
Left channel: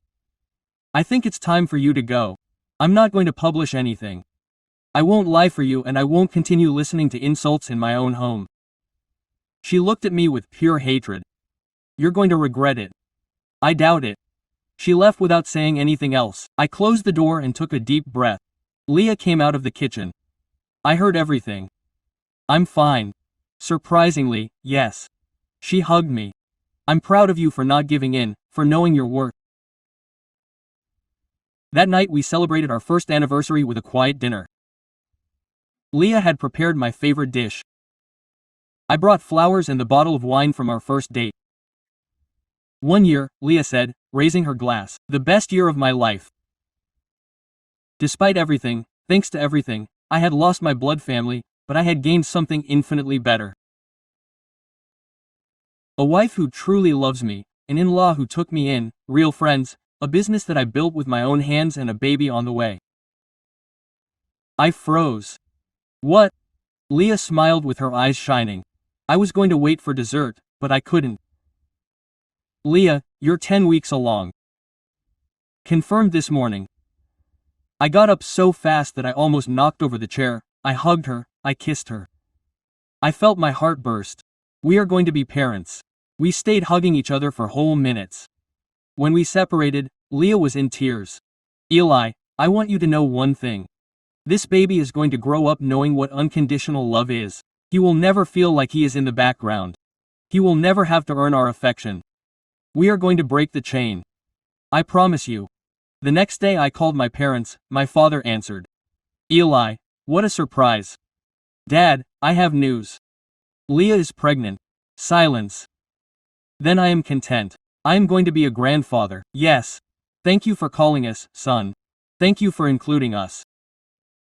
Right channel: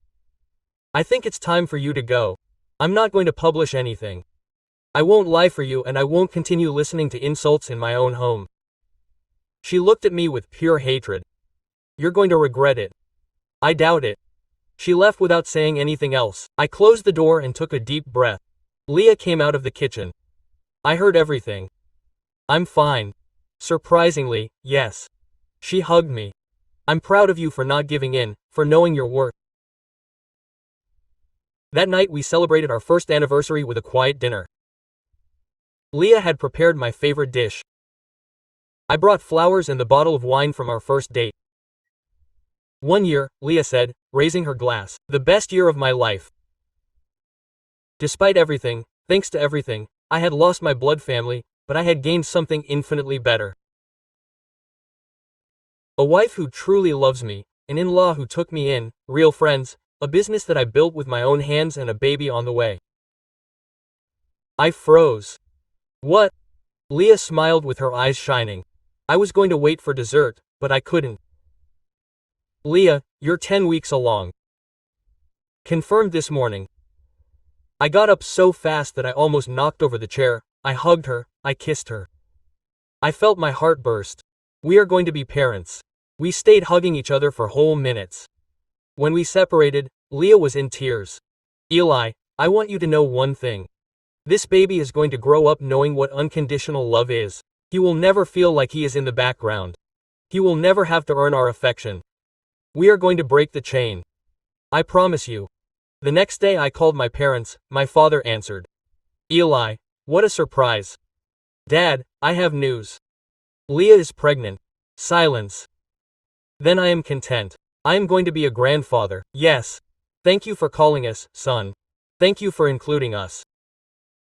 I think it's time for you to go. I'm not going to publish anything. I won't lie for you and I won't continue listening to insults in my own home. She looked at me with pure hatred. You're going to regret it. I doubt it. She left without saying anything else. I closed the door and took a deep breath. Leah came out of the kitchen. I heard everything. I'm fine. Surprisingly, yes. She hugged me. I'm proud of you for not giving in, for knowing your worth. That night we celebrated our first anniversary with a quiet dinner. Leah had prepared my favorite dish. I brought flowers and the bottle of wine from our first date. 1 year, Leah said, raising her glass. The best year of my life. Despite everything, thanks to everything, I had lost my blood family, but I had gained something infinitely better. A wife who truly loves me, an in-law who took me in, real friends, a business that I built with my own hands and a baby on the way. I froze. What? Leah smiled with her eyes shining. I was going to wait for dessert, but I couldn't. Leah, you're 10 weeks along. Confirmed this morning. I got up so fast that I almost knocked over the chair. I hugged her, I kissed her. I felt my heart burst. We are going to be parents. We stayed hugging each other for whole minutes. When we separated, Leah was in tears. Eli, I want you to know one thing. This baby is going to grow up knowing what unconditional love is. He will never feel like he is in the background. He will never have to earn our affection. We are going to break the chain. I promise you. The next day I called my parents. My father answered. Eli, what a surprise. Dad, I have news. Leah is pregnant. Silence. Then I am content. I am going to be a grandfather. Yes. Thank you for calling us, son. Thank you for including us.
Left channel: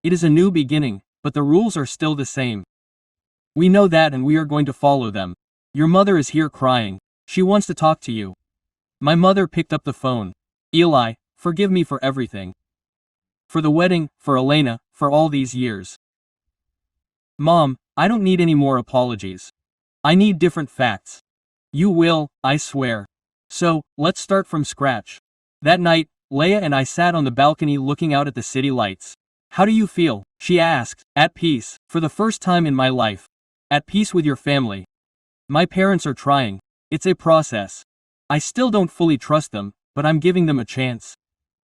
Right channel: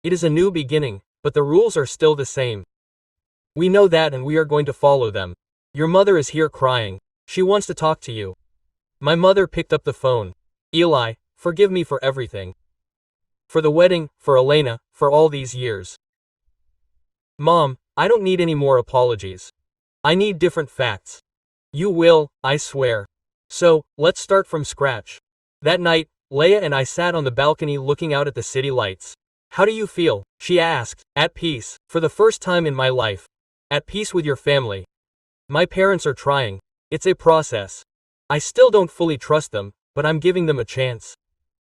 It is a new beginning, but the rules are still the same. We know that and we are going to follow them. Your mother is here crying. She wants to talk to you. My mother picked up the phone. Eli, forgive me for everything. For the wedding, for Elena, for all these years. Mom, I don't need any more apologies. I need different facts. You will, I swear. So, let's start from scratch. That night, Leah and I sat on the balcony looking out at the city lights. How do you feel? She asked. At peace, for the first time in my life. At peace with your family. My parents are trying. It's a process. I still don't fully trust them, but I'm giving them a chance.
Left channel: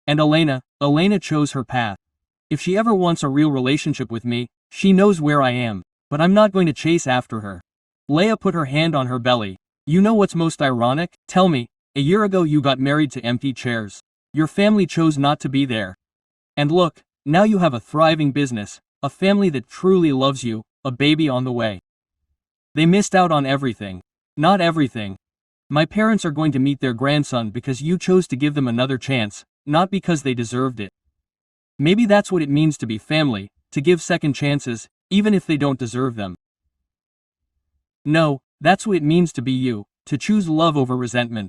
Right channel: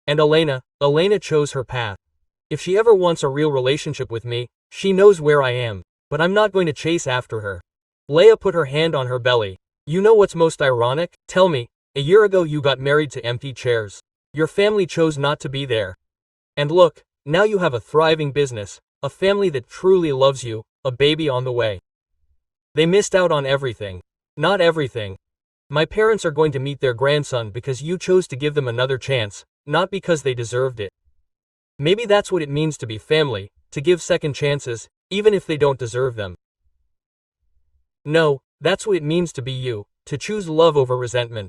And Elena chose her path. If she ever wants a real relationship with me, she knows where I am, but I'm not going to chase after her. Leah put her hand on her belly. You know what's most ironic? Tell me, a year ago you got married to empty chairs. Your family chose not to be there. And look, now you have a thriving business, a family that truly loves you, a baby on the way. They missed out on everything. Not everything. My parents are going to meet their grandson because you chose to give them another chance, not because they deserved it. Maybe that's what it means to be family, to give second chances, even if they don't deserve them. No, that's what it means to be you, to choose love over resentment.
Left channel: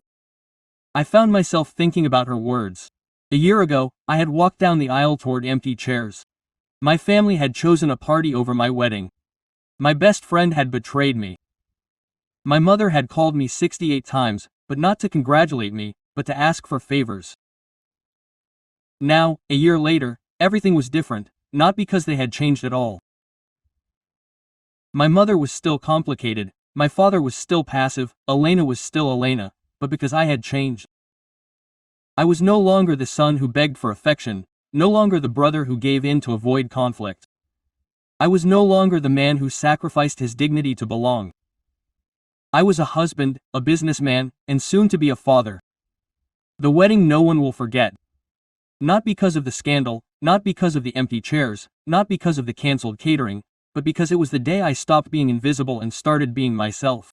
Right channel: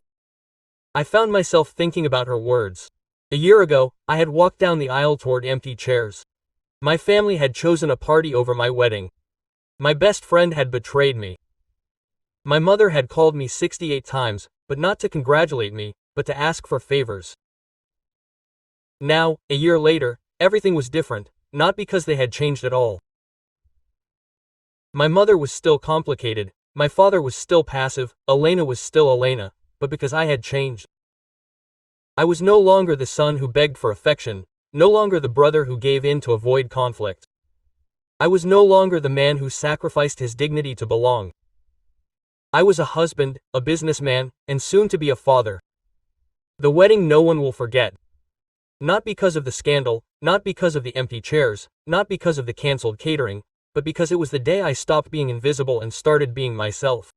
I found myself thinking about her words. A year ago, I had walked down the aisle toward empty chairs. My family had chosen a party over my wedding. My best friend had betrayed me. My mother had called me 68 times, but not to congratulate me, but to ask for favors. Now, a year later, everything was different, not because they had changed at all. My mother was still complicated, my father was still passive, Elena was still Elena, but because I had changed. I was no longer the son who begged for affection, no longer the brother who gave in to avoid conflict. I was no longer the man who sacrificed his dignity to belong. I was a husband, a businessman, and soon to be a father. The wedding no one will forget. Not because of the scandal, not because of the empty chairs, not because of the cancelled catering, but because it was the day I stopped being invisible and started being myself.